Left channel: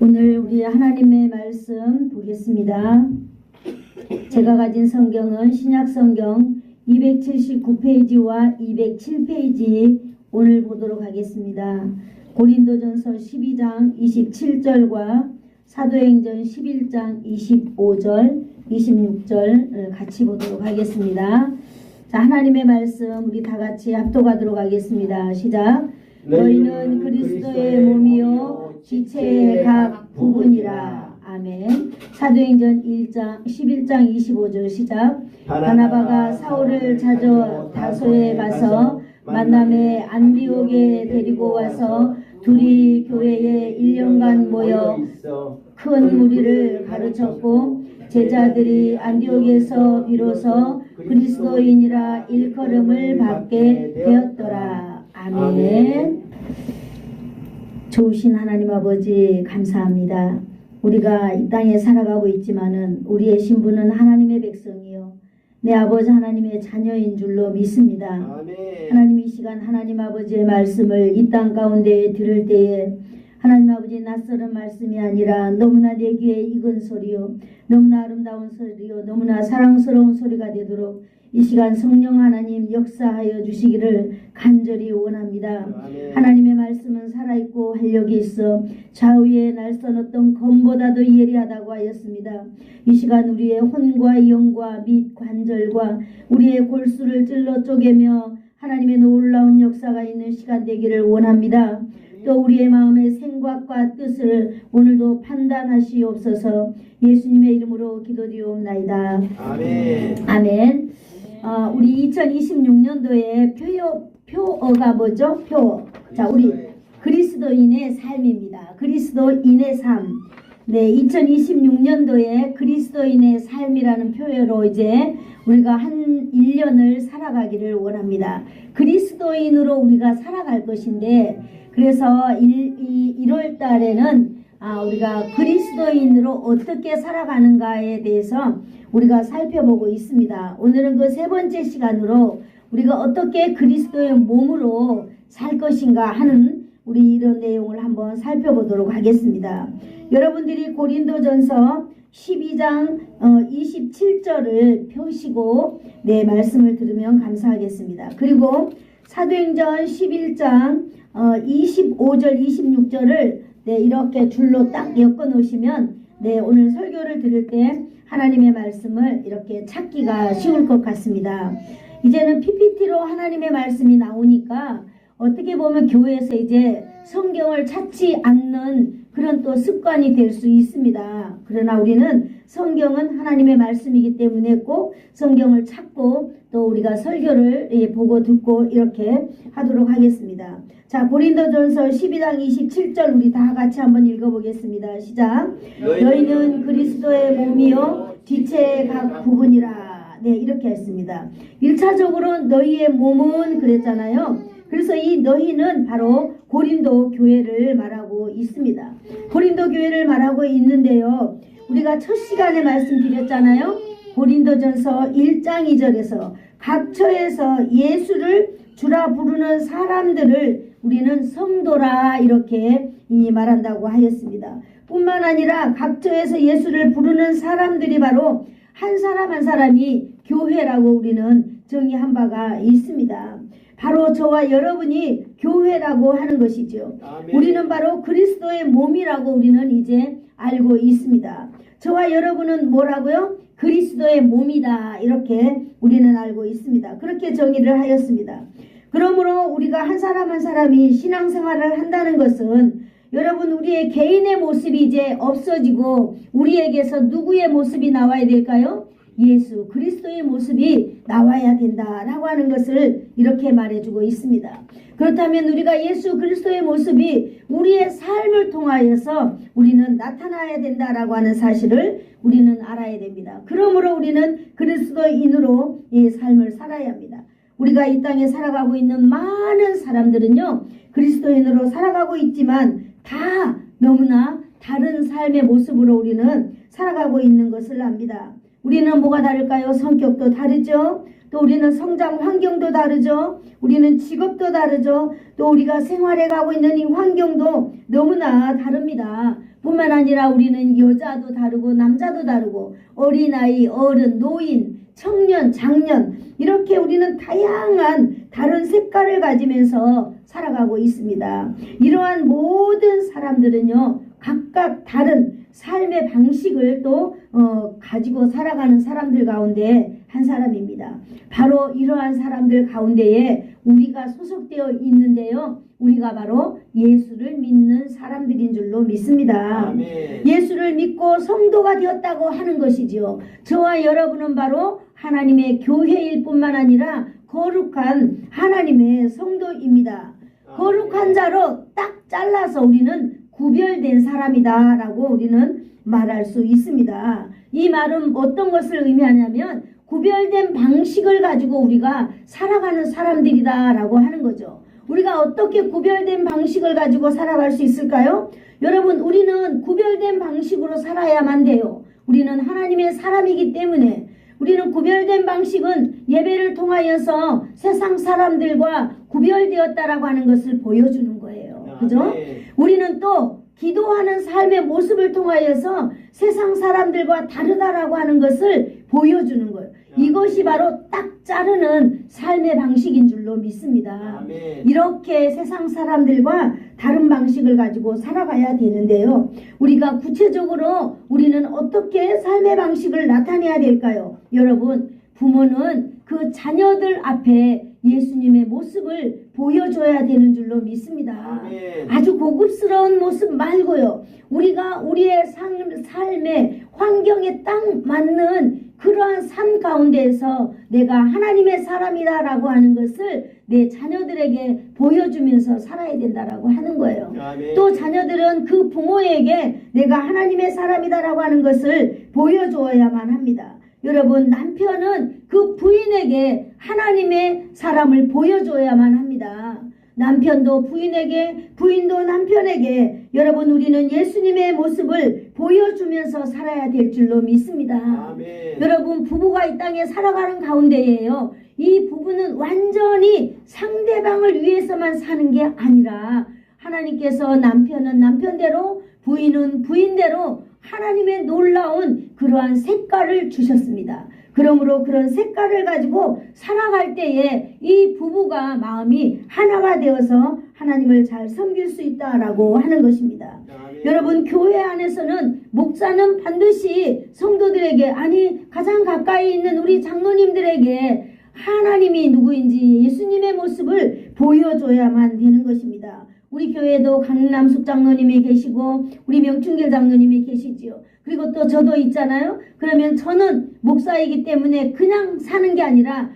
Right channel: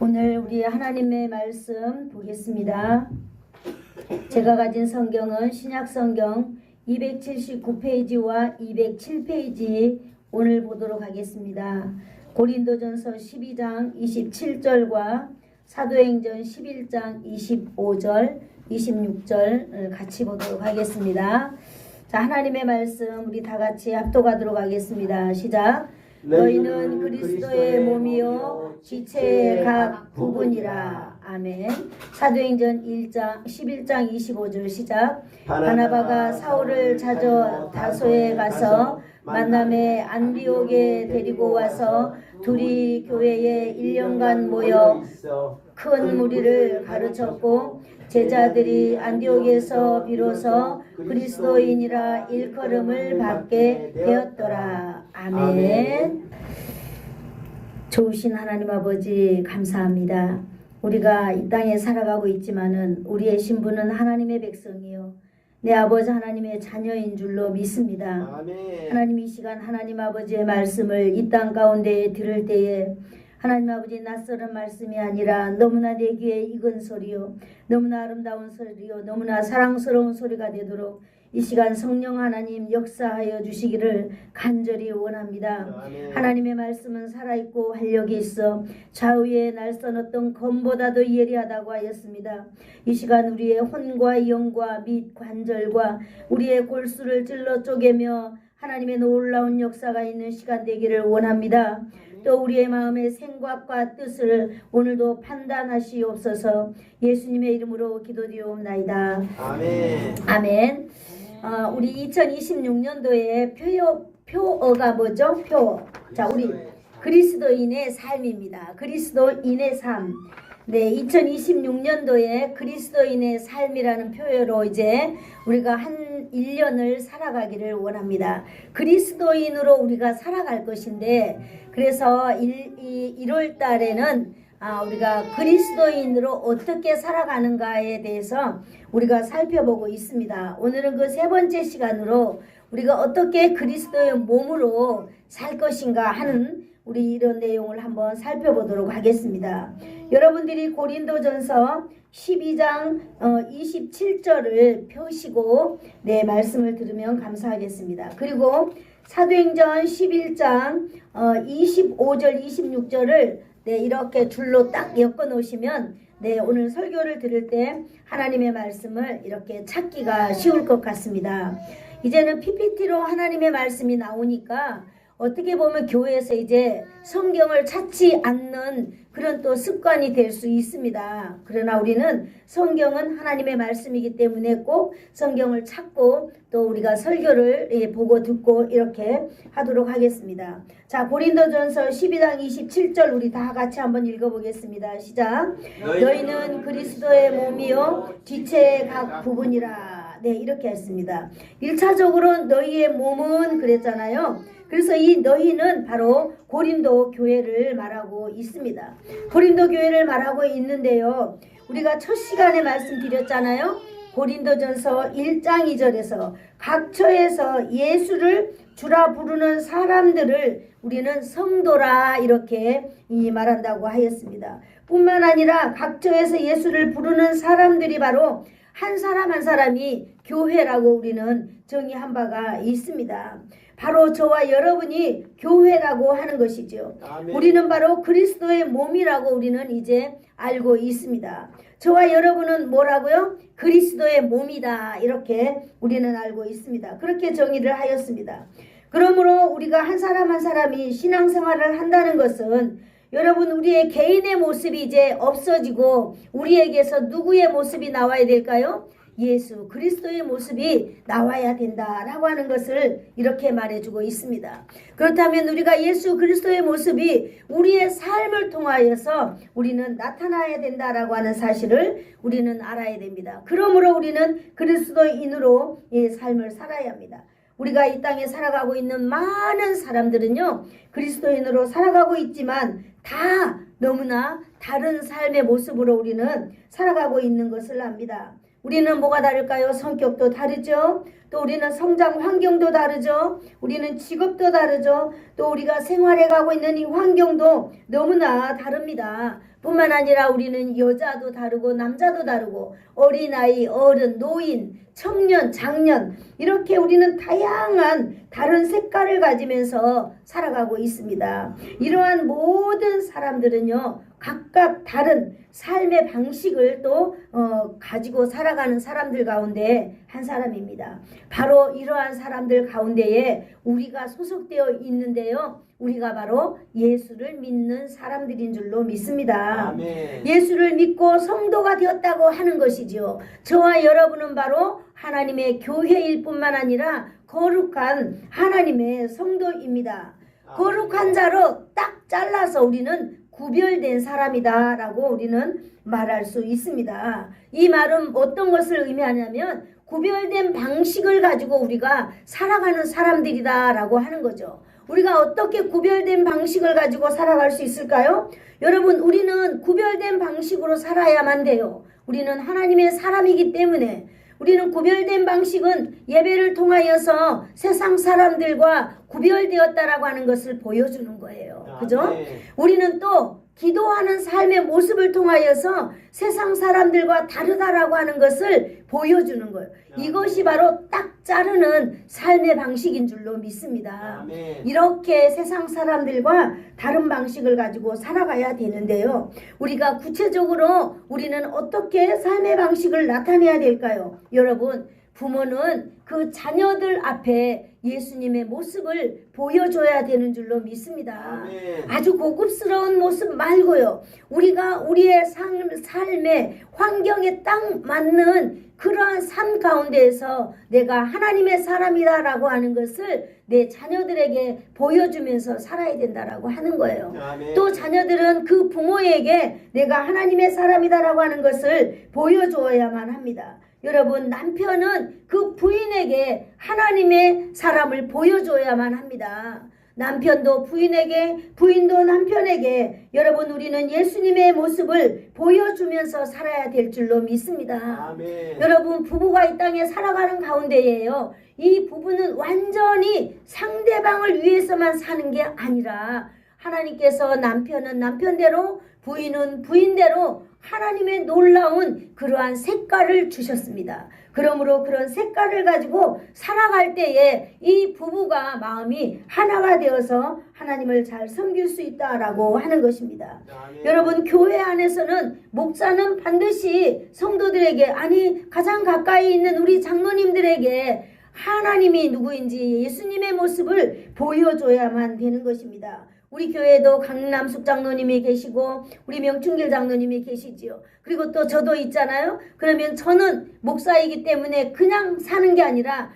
오늘 우리 하나님의 말씀 보겠습니다. 제가 가진 성경은 신약성경 279페이지와 207페이지 오늘 보도록 하겠습니다. 고린도전서 12장 27절과 사도행전 11장 25절, 26절 같이 보도록 하겠습니다. 자, 하나님의 말씀 우리 다 같이 합독하도록 하겠습니다. 시작. 너희는 그리스도의 몸이요 지체의 각 부분이라. 아멘. 사도행전 11장 25절 시작. 바나바가 사울을 찾아 다소에 가서 만남에 안디옥에 데리고 와서 둘이 교회에 1년간 모여 큰 무리를 가르쳤고 제자들이 안디옥에서 비로소 그리스도인이라 일컬음을 받게 되었더라. 아멘. 좋으신 하나님 아버지 감사합니다. 우리가 이 땅에 살아가고 있지만은 우리의 신분은 하나님의 백성이요 내 아버지 하나님의 자녀인 줄로 믿습니다. 아멘. 하나님 이 시간 하나님 아버지의 말씀을 이 땅 가운데 들을 때에 하나님 아버지 낯설은 말씀이 아니라 너무나 내 귀에 익은 소리요 너무나 아름다운 소리요 너무나 사랑스러운 소리가 되도록 이 시간 성령 하나님 역사하여 주시기를 간절히 원합니다. 아멘. 하나님의 말씀은 살아있고 활력이 있어 좌우에 날선 어떤 검보다도 예리하다고 하였습니다. 이 시간 우리의 혼과 영과 및 관절과 우리의 골수를 찔러 쪼개며 하나님의 놀라운 역사가 있는 시간 되기를 원합니다. 또 우리의 마음의 생각과 뜻을 오늘도 판단하시옵소서. 예수님의 이름으로 기도드리옵나이다. 아멘. 아멘. 우리 2026년도에 표어가 뭐죠? 자, 우리 그리스도인의 삶입니다. 그리스도인의 삶. 네, 2026년도에 그리스도인의 삶이라는 표어로 이제 우리가 한 1년을 살아가기를 원합니다. 그리스도인으로 우리가 살아갈 것인데 그래서 1월 달에는 우리가 그리스도인으로 어떻게 살아가는가에 대해서 우리가 살펴보고 있습니다. 오늘은 그 세 번째 시간으로 우리가 어떻게 그리스도의 몸으로 살 것인가 하는 우리 이런 내용을 한번 살펴보도록 하겠습니다. 여러분들이 고린도전서 12장 27절을 펴시고 내 말씀을 들으면 감사하겠습니다. 그리고 사도행전 11장 25절 26절을 네, 이렇게 줄로 딱 엮어 놓으시면 네, 오늘 설교를 들을 때 하나님의 말씀을 이렇게 찾기가 쉬울 것 같습니다. 이제는 PPT로 하나님의 말씀이 나오니까 어떻게 보면 교회에서 이제 성경을 찾지 않는 그런 또 습관이 될 수 있습니다. 그러나 우리는 성경은 하나님의 말씀이기 때문에 꼭 성경을 찾고 또 우리가 설교를 보고 듣고 이렇게 하도록 하겠습니다. 자, 고린도전서 12장 27절 우리 다 같이 한번 읽어보겠습니다. 시작. 너희는 그리스도의 몸이요 지체의 각 부분이라. 네, 이렇게 했습니다. 1차적으로 너희의 몸은 그랬잖아요. 그래서 이 너희는 바로 고린도 교회를 말하고 있습니다. 고린도 교회를 말하고 있는데요. 우리가 첫 시간에 말씀드렸잖아요. 고린도전서 1장 2절에서 각처에서 예수를 주라 부르는 사람들을 우리는 성도라 이렇게 말한다고 하였습니다. 뿐만 아니라 각처에서 예수를 부르는 사람들이 바로 한 사람 한 사람이 교회라고 우리는 정의한 바가 있습니다. 바로 저와 여러분이 교회라고 하는 것이죠. 아멘. 우리는 바로 그리스도의 몸이라고 우리는 이제 알고 있습니다. 저와 여러분은 뭐라고요? 그리스도의 몸이다 이렇게 우리는 알고 있습니다. 그렇게 정의를 하였습니다. 그러므로 우리가 한 사람 한 사람이 신앙생활을 한다는 것은 여러분 우리의 개인의 모습이 이제 없어지고 우리에게서 누구의 모습이 나와야 될까요? 예수 그리스도의 모습이 나와야 된다라고 하는 것을 이렇게 말해주고 있습니다. 그렇다면 우리가 예수 그리스도의 모습이 우리의 삶을 통하여서 우리는 나타나야 된다라고 하는 사실을 우리는 알아야 됩니다. 그러므로 우리는 그리스도인으로 이 삶을 살아야 합니다. 우리가 이 땅에 살아가고 있는 많은 사람들은요 그리스도인으로 살아가고 있지만 다 너무나 다른 삶의 모습으로 우리는 살아가고 있는 것을 압니다. 우리는 뭐가 다를까요? 성격도 다르죠. 또 우리는 성장 환경도 다르죠. 우리는 직업도 다르죠. 또 우리가 생활해 가고 있는 이 환경도 너무나 다릅니다. 뿐만 아니라 우리는 여자도 다르고 남자도 다르고 어린아이, 어른, 노인, 청년, 장년 이렇게 우리는 다양한 다른 색깔을 가지면서 살아가고 있습니다. 이러한 모든 사람들은요 각각 다른 삶의 방식을 또 가지고 살아가는 사람들 가운데 한 사람입니다. 바로 이러한 사람들 가운데에 우리가 소속되어 있는데요. 우리가 바로 예수를 믿는 사람들인 줄로 믿습니다. 아멘. 예수를 믿고 성도가 되었다고 하는 것이죠. 저와 여러분은 바로 하나님의 교회일 뿐만 아니라 거룩한 하나님의 성도입니다. 거룩한 자로 딱 잘라서 우리는 구별된 사람이다 라고 우리는 말할 수 있습니다. 이 말은 어떤 것을 의미하냐면 구별된 방식을 가지고 우리가 살아가는 사람들이다 라고 하는 거죠. 우리가 어떻게 구별된 방식을 가지고 살아갈 수 있을까요? 여러분, 우리는 구별된 방식으로 살아야만 돼요. 우리는 하나님의 사람이기 때문에 우리는 구별된 방식은 예배를 통하여서 세상 사람들과 구별되었다라고 하는 것을 보여주는 거예요. 그죠? 우리는 또 기도하는 삶의 모습을 통하여서 세상 사람들과 다르다라고 하는 것을 보여주는 거예요. 이것이 바로 딱 자르는 삶의 방식인 줄로 믿습니다. 이렇게 세상 사람들과 다른 방식을 가지고 살아가야 되는데요. 우리가 구체적으로 우리는 어떻게 삶의 방식을 나타내야 될까요? 여러분, 부모는 그 자녀들 앞에 예수님의 모습을 보여줘야 되는 줄로 믿습니다. 아멘. 아주 고급스러운 모습 말고요. 우리가 우리의 삶의 환경에 딱 맞는 그러한 삶 가운데에서 내가 하나님의 사람이다라고 하는 것을 내 자녀들에게 보여주면서 살아야 된다라고 하는 거예요. 아멘. 또 자녀들은 그 부모에게 내가 하나님의 사람이다라고 하는 것을 보여줘야만 합니다. 여러분, 남편은 그 부인에게 하나님의 사람을 보여줘야만 합니다. 남편도 부인에게, 부인도 남편에게 여러분 우리는 예수님의 모습을 보여주면서 살아야 될 줄로 믿습니다. 아멘. 여러분, 부부가 이 땅에 살아가는 가운데에요. 이 부부는 완전히 상대방을 위해서만 사는 게 아니라 하나님께서 남편은 남편대로 부인은 부인대로 하나님의 놀라운 그러한 색깔을 주셨습니다. 그러므로 그런 색깔을 가지고 살아갈 때에 이 부부가 마음이 하나가 되어서 하나님을 잘 섬길 수 있다라고 하는 것입니다. 여러분, 교회 안에서는 목사는 반드시 성도들에게, 아니 가장 가까이 있는 우리 장로님들에게 하나님이 누구인지 예수님의 모습을 보여줘야만 되는 것입니다. 우리 교회에도 강남숙 장로님이 계시고 우리 명충길 장로님이 계시지요. 그리고 또 저도 있잖아요. 그러면 저는 목사이기 때문에 그냥 사는 게 아니라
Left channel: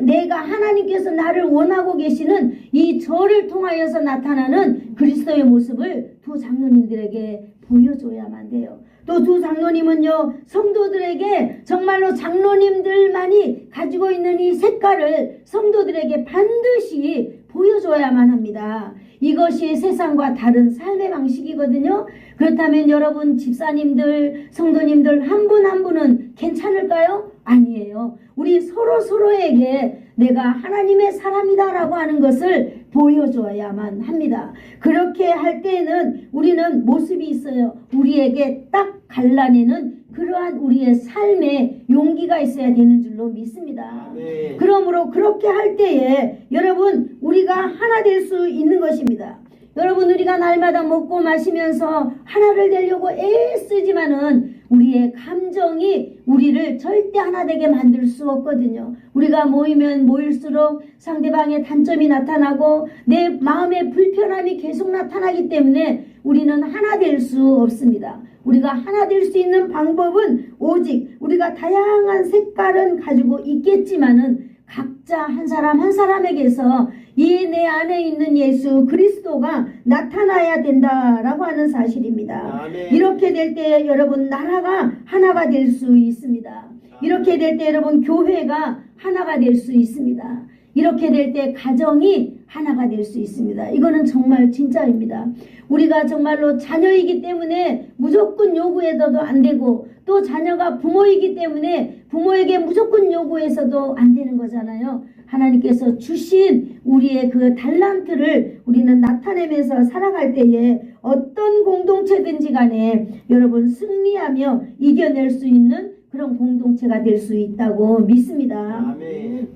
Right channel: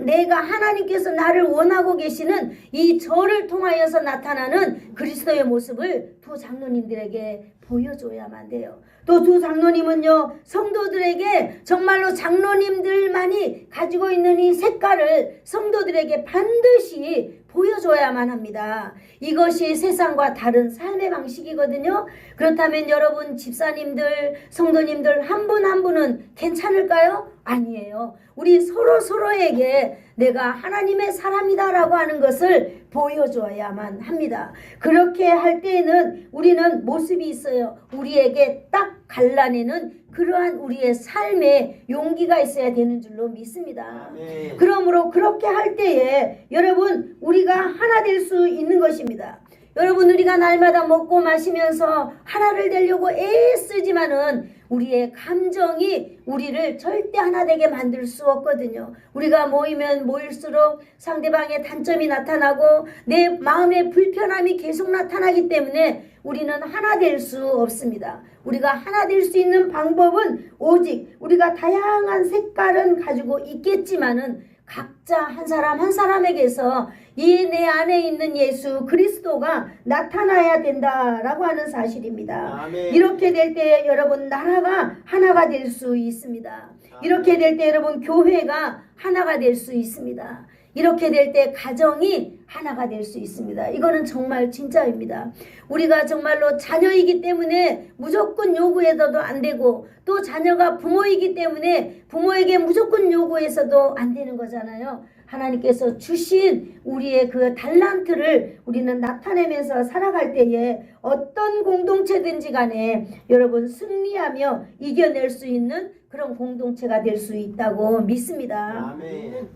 내가 하나님께서 나를 원하고 계시는 이 저를 통하여서 나타나는 그리스도의 모습을 두 장로님들에게 보여줘야만 돼요. 또 두 장로님은요, 성도들에게 정말로 장로님들만이 가지고 있는 이 색깔을 성도들에게 반드시 보여줘야만 합니다. 이것이 세상과 다른 삶의 방식이거든요. 그렇다면 여러분 집사님들, 성도님들 한 분 한 분은 괜찮을까요? 아니에요. 우리 서로에게 내가 하나님의 사람이다라고 하는 것을 보여줘야만 합니다. 그렇게 할 때에는 우리는 모습이 있어요. 우리에게 딱 갈라내는 그러한 우리의 삶에 용기가 있어야 되는 줄로 믿습니다. 아멘. 그러므로 그렇게 할 때에 여러분 우리가 하나 될 수 있는 것입니다. 여러분, 우리가 날마다 먹고 마시면서 하나를 되려고 애쓰지만은 우리의 감정이 우리를 절대 하나 되게 만들 수 없거든요. 우리가 모이면 모일수록 상대방의 단점이 나타나고 내 마음의 불편함이 계속 나타나기 때문에 우리는 하나 될 수 없습니다. 우리가 하나 될 수 있는 방법은 오직 우리가 다양한 색깔은 가지고 있겠지만은 각자 한 사람 한 사람에게서 이 내 안에 있는 예수 그리스도가 나타나야 된다라고 하는 사실입니다. 아멘. 이렇게 될 때 여러분 나라가 하나가 될 수 있습니다. 이렇게 될 때 여러분 교회가 하나가 될 수 있습니다. 이렇게 될 때 가정이 하나가 될 수 있습니다. 이거는 정말 진짜입니다. 우리가 정말로 자녀이기 때문에 무조건 요구해서도 안 되고, 또 자녀가 부모이기 때문에 부모에게 무조건 요구해서도 안 되는 거잖아요. 하나님께서 주신 우리의 그 달란트를 우리는 나타내면서 살아갈 때에 어떤 공동체든지 간에 여러분 승리하며 이겨낼 수 있는 그런 공동체가 될 수 있다고 믿습니다. 아멘.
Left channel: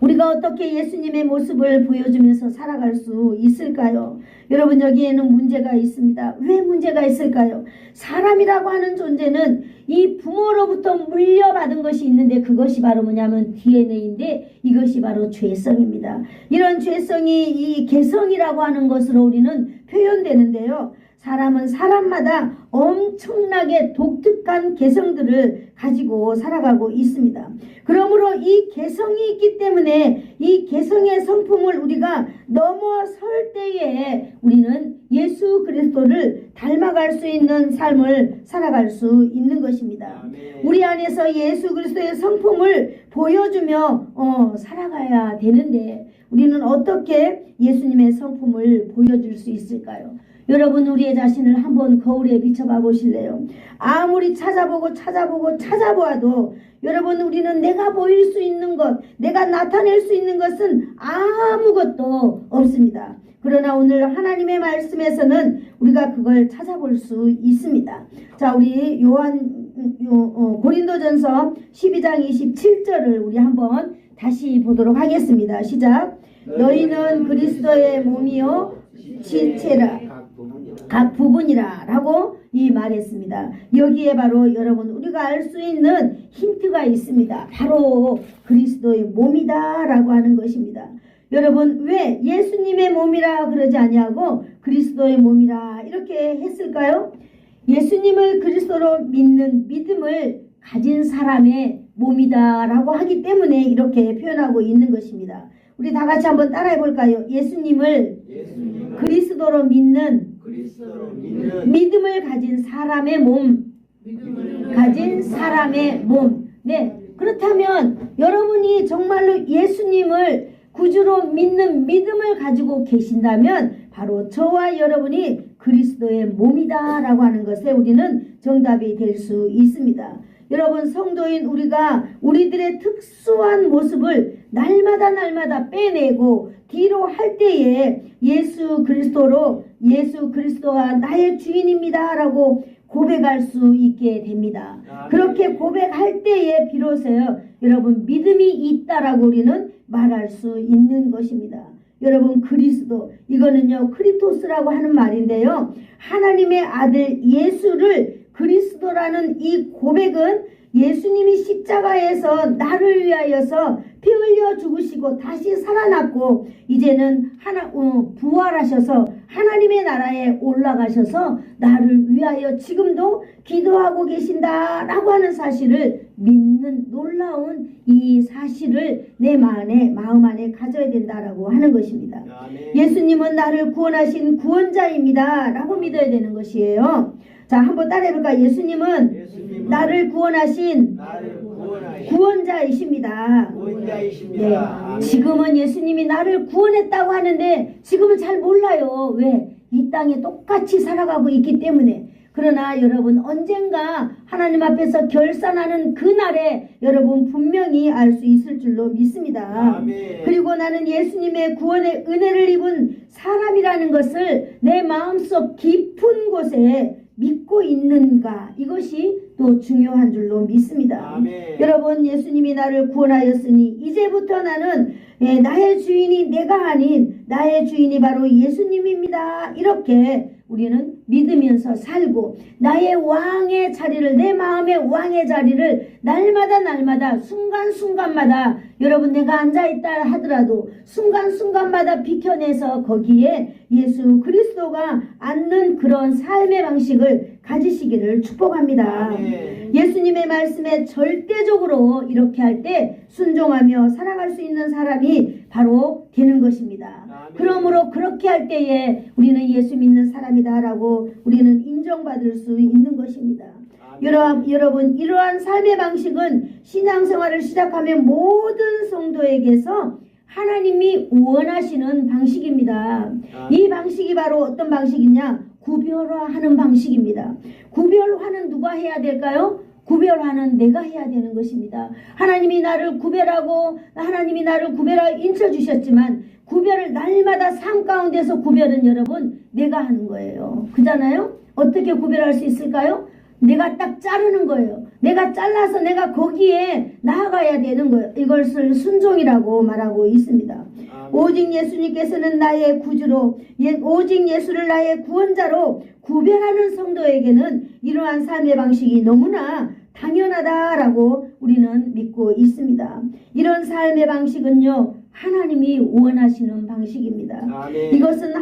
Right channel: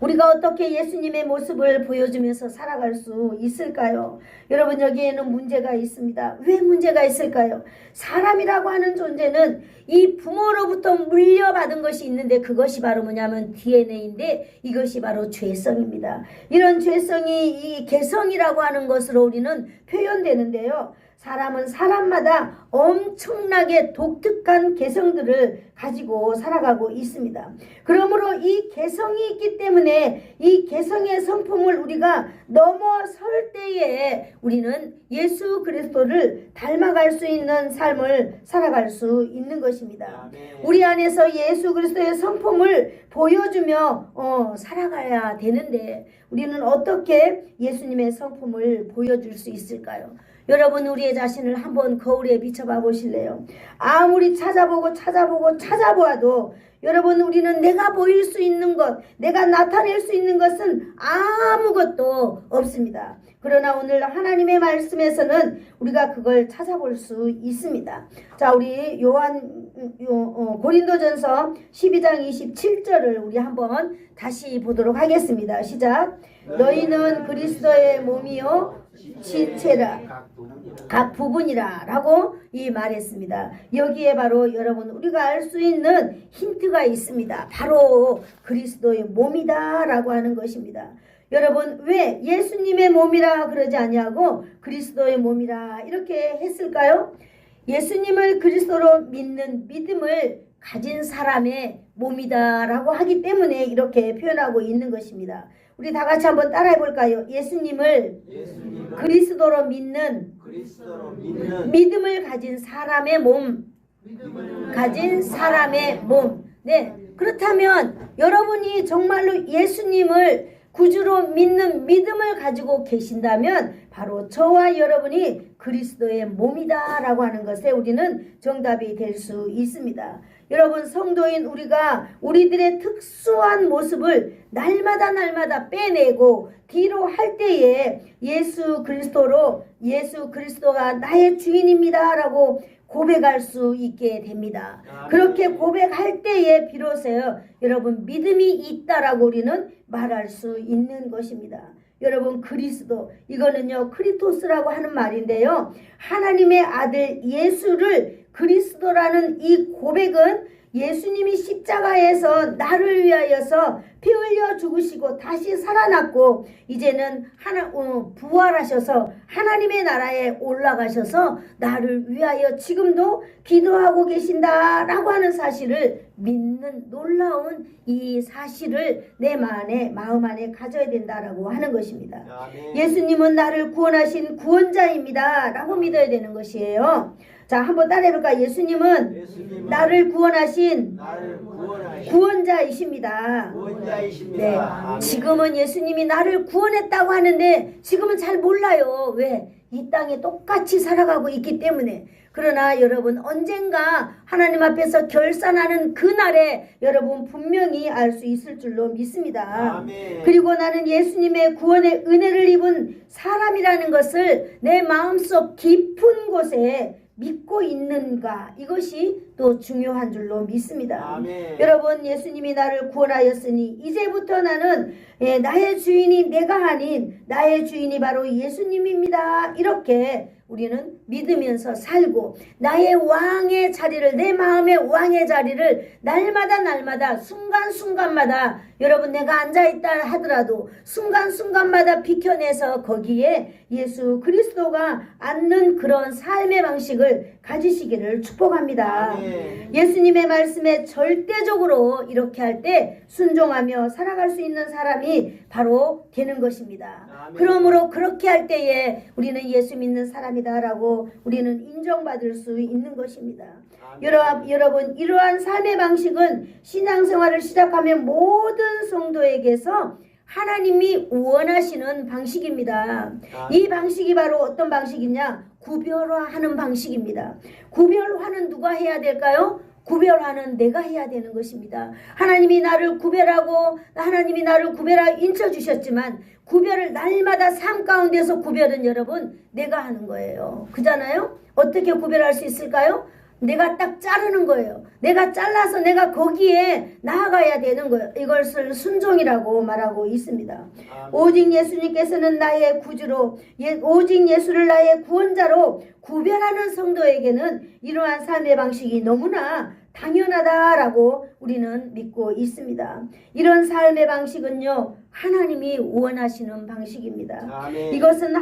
우리가 어떻게 예수님의 모습을 보여주면서 살아갈 수 있을까요? 여러분, 여기에는 문제가 있습니다. 왜 문제가 있을까요? 사람이라고 하는 존재는 이 부모로부터 물려받은 것이 있는데, 그것이 바로 뭐냐면 DNA인데, 이것이 바로 죄성입니다. 이런 죄성이 이 개성이라고 하는 것으로 우리는 표현되는데요. 사람은 사람마다 엄청나게 독특한 개성들을 가지고 살아가고 있습니다. 그러므로 이 개성이 있기 때문에 이 개성의 성품을 우리가 넘어설 때에 우리는 예수 그리스도를 닮아갈 수 있는 삶을 살아갈 수 있는 것입니다. 우리 안에서 예수 그리스도의 성품을 보여주며 살아가야 되는데, 우리는 어떻게 예수님의 성품을 보여줄 수 있을까요? 여러분, 우리의 자신을 한번 거울에 비춰봐 보실래요? 아무리 찾아보아도 여러분, 우리는 내가 보일 수 있는 것, 내가 나타낼 수 있는 것은 아무것도 없습니다. 그러나 오늘 하나님의 말씀에서는 우리가 그걸 찾아볼 수 있습니다. 자, 우리 고린도전서 12장 27절을 우리 한번 다시 보도록 하겠습니다. 시작. 너희는 그리스도의 몸이요 지체라 각 부분이라 라고 이 말했습니다. 여기에 바로 여러분 우리가 알 수 있는 힌트가 있습니다. 바로 그리스도의 몸이다 라고 하는 것입니다. 여러분, 왜 예수님의 몸이라 그러지 아니하고 그리스도의 몸이라 이렇게 했을까요? 예수님을 그리스도로 믿는 믿음을 가진 사람의 몸이다 라고 하기 때문에 이렇게 표현하고 있는 것입니다. 우리 다 같이 한번 따라해 볼까요? 예수님을 그리스도로 믿는 믿음을 가진 사람의 몸. 네. 그렇다면 여러분이 정말로 예수님을 구주로 믿는 믿음을 가지고 계신다면 바로 저와 여러분이 그리스도의 몸이다 라고 하는 것에 우리는 정답이 될 수 있습니다. 여러분, 성도인 우리가 우리들의 특수한 모습을 날마다 빼내고 뒤로 할 때에 예수 그리스도가 나의 주인입니다 라고 고백할 수 있게 됩니다. 그렇게 고백할 때에 비로소 여러분 믿음이 있다라고 우리는 말할 수 있는 것입니다. 여러분, 그리스도, 이거는요 크리토스라고 하는 말인데요, 하나님의 아들 예수를 그리스도라는 이 고백은 예수님이 십자가에서 나를 위하여서 피 흘려 죽으시고 다시 살아났고 이제는 부활하셔서 하나님의 나라에 올라가셔서 나를 위하여 지금도 기도하고 계신다라고 하는 사실을 믿는 놀라운 이 사실을 내 마음 안에 가져야 된다라고 하는 것입니다. 아멘. 예수님은 나를 구원하신 구원자입니다 라고 믿어야 되는 것이에요. 자, 한번 따라해볼까? 예수님은 나를 구원하신 구원자이십니다. 네, 지금은 예수님이 나를 구원했다고 하는데 지금은 잘 몰라요. 왜? 이 땅에 똑같이 살아가고 있기 때문에. 그러나 여러분, 언젠가 하나님 앞에서 결산하는 그날에 여러분 분명히 알 수 있을 줄로 믿습니다. 아멘. 그리고 나는 예수님의 구원의 은혜를 입은 사람이라는 것을 내 마음속 깊은 곳에 믿고 있는가, 이것이 또 중요한 줄로 믿습니다. 아멘. 여러분, 예수님이 나를 구원하였으니 이제부터 나는 나의 주인이 내가 아닌 나의 주인이 바로 예수님입니다. 이렇게 우리는 믿으면서 살고 나의 왕의 자리를, 내 마음의 왕의 자리를 날마다 순간순간마다 여러분 내가 앉아있다 하더라도 순간순간마다 비켜내서 거기에 예수 그리스도가 앉는 그런 삶의 방식을 가지시기를 축복합니다. 아멘. 예수님의 말씀에 절대적으로 이렇게 할 때 순종하며 살아갈 수 있는 사람이 바로 되는 것입니다. 아멘. 그러므로 그렇게 할 때에 우리는 예수 믿는 사람이다라고 우리는 인정받을 수 있는 것입니다. 여러분, 이러한 삶의 방식은 신앙생활을 시작하면 모든 성도에게서 하나님이 원하시는 방식입니다. 이 방식이 바로 어떤 방식이냐? 구별화하는 방식입니다. 구별화는 누가 해야 될까요? 구별화는 내가 해야 되는 것입니다. 하나님이 나를 구별하고 하나님이 나를 구별하여 인쳐주셨지만 구별을 날마다 삶 가운데서 구별은 여러분 내가 하는 거예요. 그잖아요? 어떻게 구별할 수 있을까요? 내가 딱 자르는 거예요. 내가 잘라서 내가 거기에 나아가야 되는 거예요. 이것을 순종이라고 말하고 있습니다. 오직 예수님께서는 나의 구주로, 오직 예수를 나의 구원자로 구별하는 성도에게는 이러한 삶의 방식이 너무나 당연하다라고 우리는 믿고 있습니다. 이런 삶의 방식은요, 하나님이 원하시는 방식입니다. 아멘. 이것은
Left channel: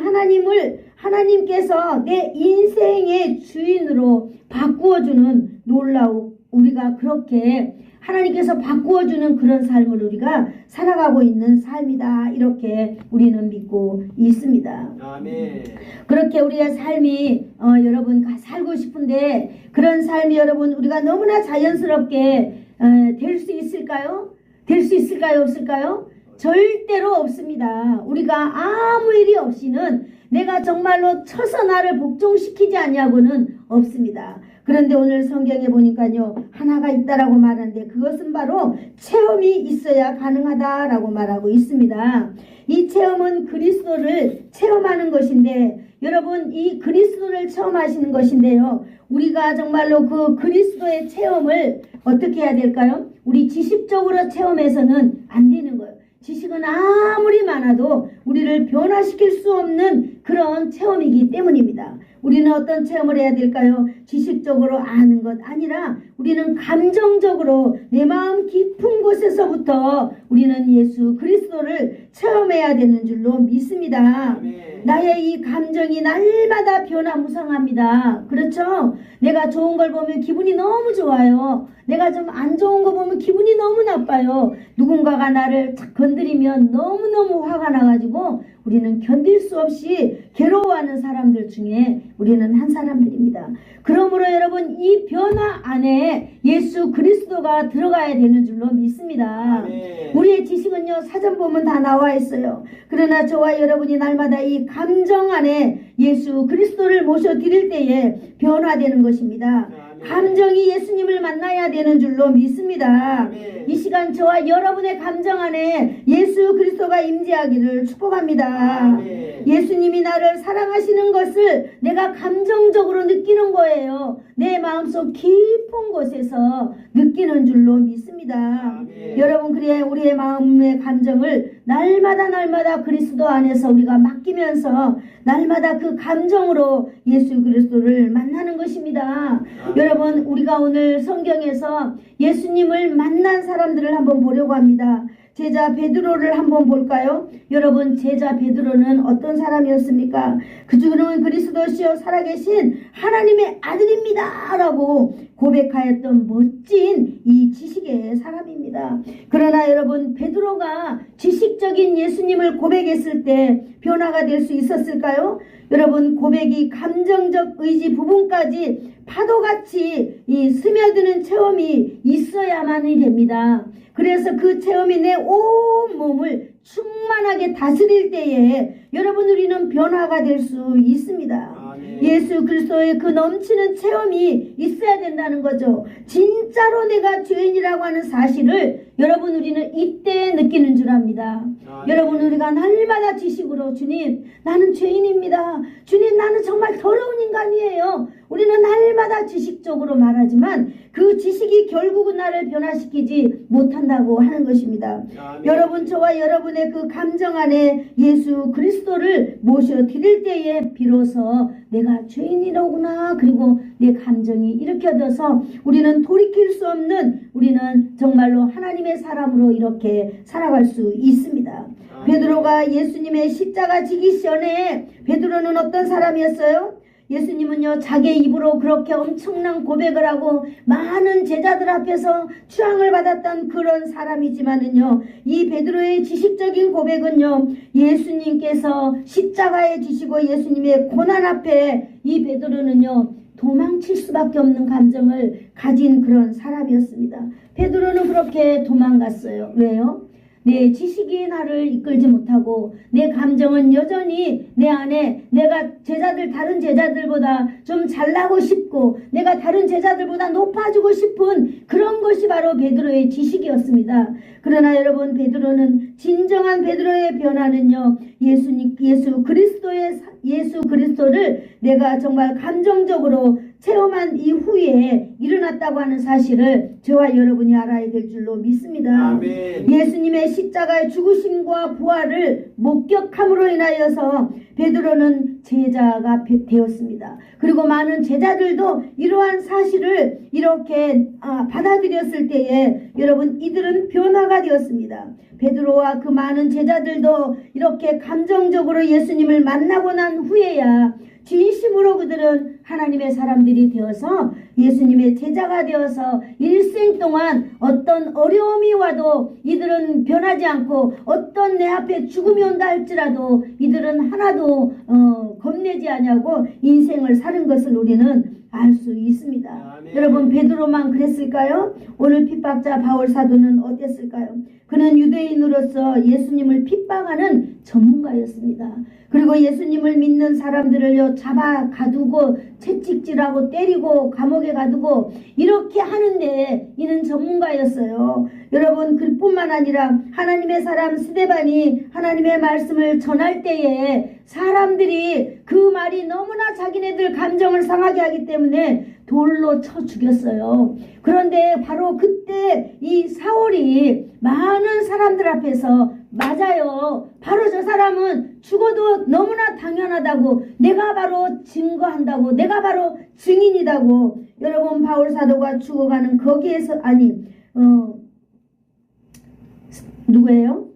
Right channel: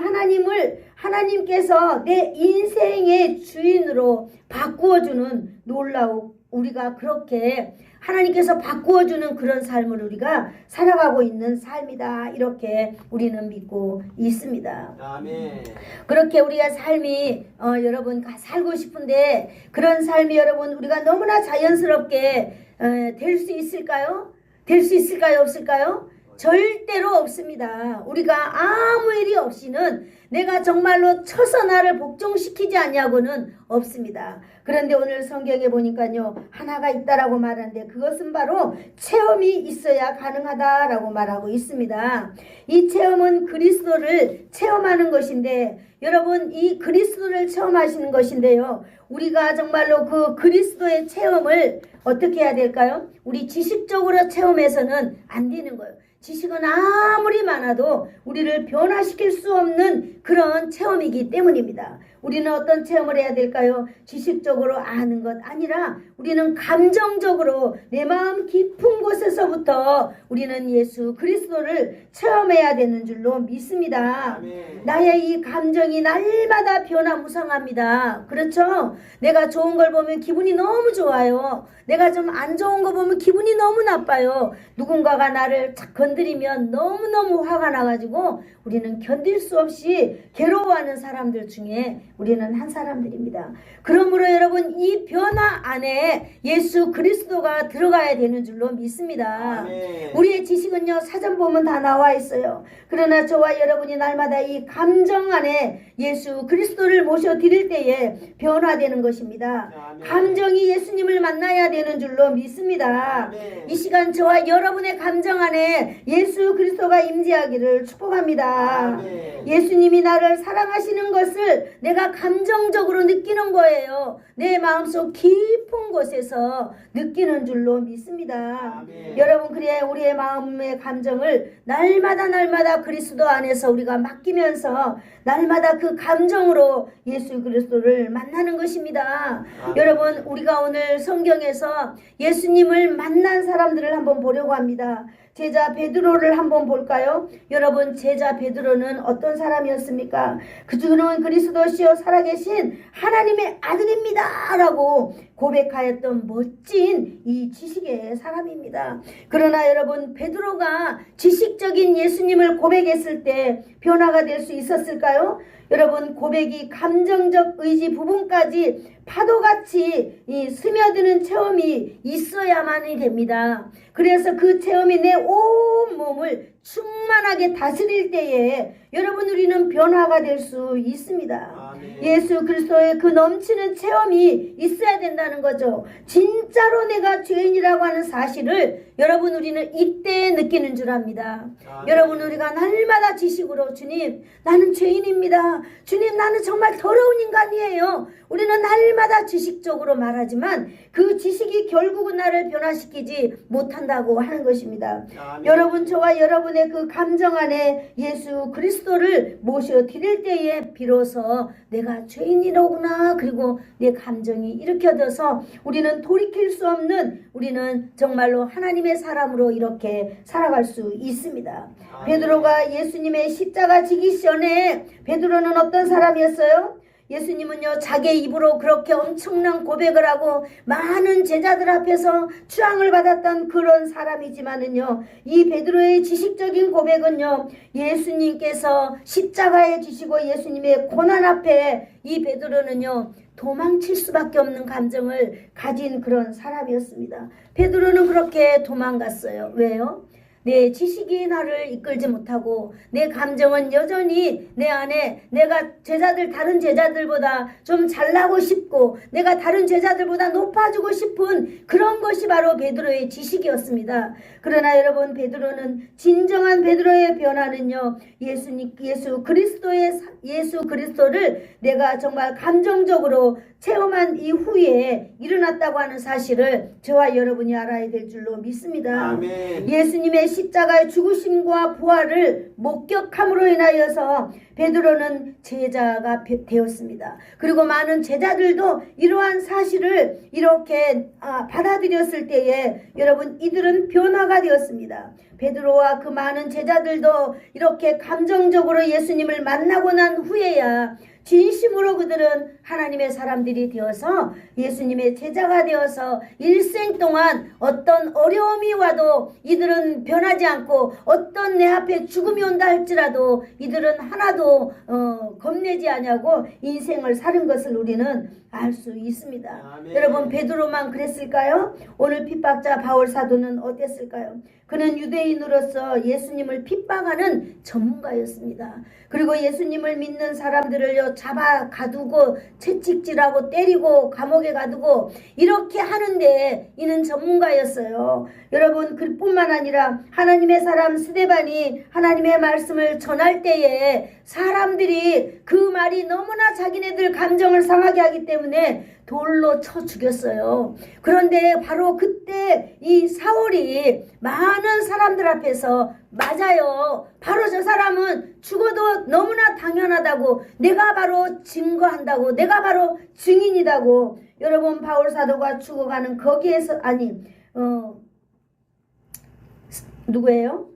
하나님께서 내 인생의 주인으로 바꾸어주는 놀라운, 우리가 그렇게 하나님께서 바꾸어주는 그런 삶을 우리가 살아가고 있는 삶이다. 이렇게 우리는 믿고 있습니다. 아멘. 그렇게 우리가 삶이 여러분 살고 싶은데 그런 삶이 여러분 우리가 너무나 자연스럽게 될 수 있을까요? 될 수 있을까요? 없을까요? 절대로 없습니다. 우리가 아무 일이 없이는 내가 정말로 쳐서 나를 복종시키지 않냐고는 없습니다. 그런데 오늘 성경에 보니까요, 하나가 있다라고 말하는데 그것은 바로 체험이 있어야 가능하다라고 말하고 있습니다. 이 체험은 그리스도를 체험하는 것인데, 여러분 이 그리스도를 체험하시는 것인데요, 우리가 정말로 그 그리스도의 체험을 어떻게 해야 될까요? 우리 지식적으로 체험해서는 안 되는 거예요. 지식은 아무리 많아도 우리를 변화시킬 수 없는 그런 체험이기 때문입니다. 우리는 어떤 체험을 해야 될까요? 지식적으로 아는 것 아니라 우리는 감정적으로 내 마음 깊은 곳에서부터 우리는 예수 그리스도를 체험해야 되는 줄로 믿습니다. 아멘. 나의 이 감정이 날마다 변화무쌍합니다. 그렇죠? 내가 좋은 걸 보면 기분이 너무 좋아요. 내가 좀 안 좋은 거 보면 기분이 너무 나빠요. 누군가가 나를 착 건드리면 너무너무 화가 나가지고 우리는 견딜 수 없이 괴로워하는 사람들 중에 우리는 한 사람들입니다. 그러므로 여러분 이 변화 안에 예수 그리스도가 들어가야 되는 줄로 믿습니다. 네. 우리의 지식은요 사전 보면 다 나와 있어요. 그러나 저와 여러분이 날마다 이 감정 안에 예수 그리스도를 모셔드릴 때에 변화되는 것입니다. 네. 감정이 예수님을 만나야 되는 줄로 믿습니다. 네. 이 시간 저와 여러분의 감정 안에 예수 그리스도가 임재하기를 축복합니다. 네. 예수님이 나를 사랑하시는 것을 내가 감정적으로 느끼는 거예요. 내 마음속 깊은 곳에서 느끼는 줄로 믿습니다. 네. 여러분 그래 우리의 마음의 감정을 날마다 그리스도 안에서 우리가 맡기면서 날마다 그 감정으로 예수 그리스도를 만나는 것입니다. 여러분 우리가 오늘 성경에서 예수님을 만난 사람들을 한번 보려고 합니다. 제자 베드로를 한번 볼까요? 여러분 제자 베드로는 어떤 사람이었습니까? 그주는 그리스도시요 살아계신 하나님의 아들입니다 라고 고백하였던 멋진 이 지식의 사람입니다. 그러나 여러분 베드로가 지식적인 예수님을 고백했을 때 변화가 될 수 있었을까요? 여러분 고백이 감정적 의지 부분까지 파도같이 이 스며드는 체험이 있어야만이 됩니다. 그래서 그 체험이 내 온 몸을 충만하게 다스릴 때에 여러분 우리는 변화가 될 수 있습니다. 예수 그리스도의 그 넘치는 체험이 있어야 된다는 거죠. 진짜로 내가 죄인이라고 하는 사실을 여러분 우리는 이때 느끼는 줄 압니다. 여러분 우리가 날마다 지식으로 주님 나는 죄인입니다. 주님 나는 정말 더러운 인간이에요. 우리는 날마다 지식적으로 말하지만 그 지식이 결국은 나를 변화시키지 못한다고 하는 것입니다. 여러분 저와 여러분의 그 감정 안에 예수 그리스도를 모셔드릴 때에 비로소 내가 죄인이로구나 그리고 내 감정이 일으켜져서 우리는 돌이킬 수 없는 우리는 정말로 하나님의 사람으로 이렇게 살아갈 수 있습니다. 베드로가 예수님의 십자가 지기 전에 베드로는 어떤 사람이었어요? 예수님은요 자기의 입으로 그렇게 엄청난 고백을 하고 많은 제자들 앞에서 추앙을 받았던 그런 사람이지만은요 이 베드로의 지식적인 고백은요 예수님께서 십자가에 지시고 예수님의 고난 앞에 이 베드로는요 도망칠 수밖에 없는 감정을 가진 그런 사람이었습니다. 베드로는 그렇게 도망갔어요. 왜요? 내 지식이 나를 이끌지 못하고 내 감정은 여전히 내 안에 내가 다른 제자들보다 좀 잘나고 싶고 내가 다른 제자들보다 높아지고 싶은 그런 것이 바로 베드로의 지식이었습니다. 그러나 여러분, 베드로는 진정한 베드로의 변화는요, 예수 그리스도를 내가 정말 감정적으로 체험한 이후에 일어났다고 하는 사실을 저와 여러분이 알아야 될 줄로 믿습니다. 아멘. 예수님의 십자가의 죽으심과 부활을 목격함으로 인하여서 베드로는 제자가 되었습니다. 그리고 많은 제자들도 이러한 사실을 이렇게 받아들였을 때에 여러분, 이들은 변화가 되었습니다. 베드로와 그 많은 제자들도 이렇게 감정적으로 예수님을 만나고 난 후에야 진심으로 그들은 하나님의 사람들이 되어서 예수님의 제자가 되어서 일생 동안 어떤 어려움이 와도 이들은 변하지 않고 어떤 내 앞에 죽음이 온다 할지라도 이들은 하나도 겁내지 않냐고 인생을 사는 것을 우리는 알 수 있습니다. 아멘. 여러분, 베드로만 그랬을까요? 오늘 pit박자 바울 사도는 어땠을까요? 그는 유대인으로서 예수님을 핍박하는 전문가였습니다. 그리고 예수님을 믿는 사람들을 잡아 가두고 채찍질하고 때리고 감옥에 가두고 이렇게 하는데 이는 전문가였어요. 여러분, 그뿐만 아니라 하나님의 사람 스데반이 하나님의 말씀을 전할 때에 사람들이 그 말이 너무나 자기네들 감정을 상하게 하기 때문에 돌로 쳐 죽였어요. 그런데 바로 그때 이 사울이 많은 사람들 앞에서 맞아요, 바로 저 사람은 죽어도 너무나 당연하다고, 내가 바로 증거한다고, 내가 바로 증인이다고. 여러분, 바울 사도가 죽어가는 거기에서 누구예요?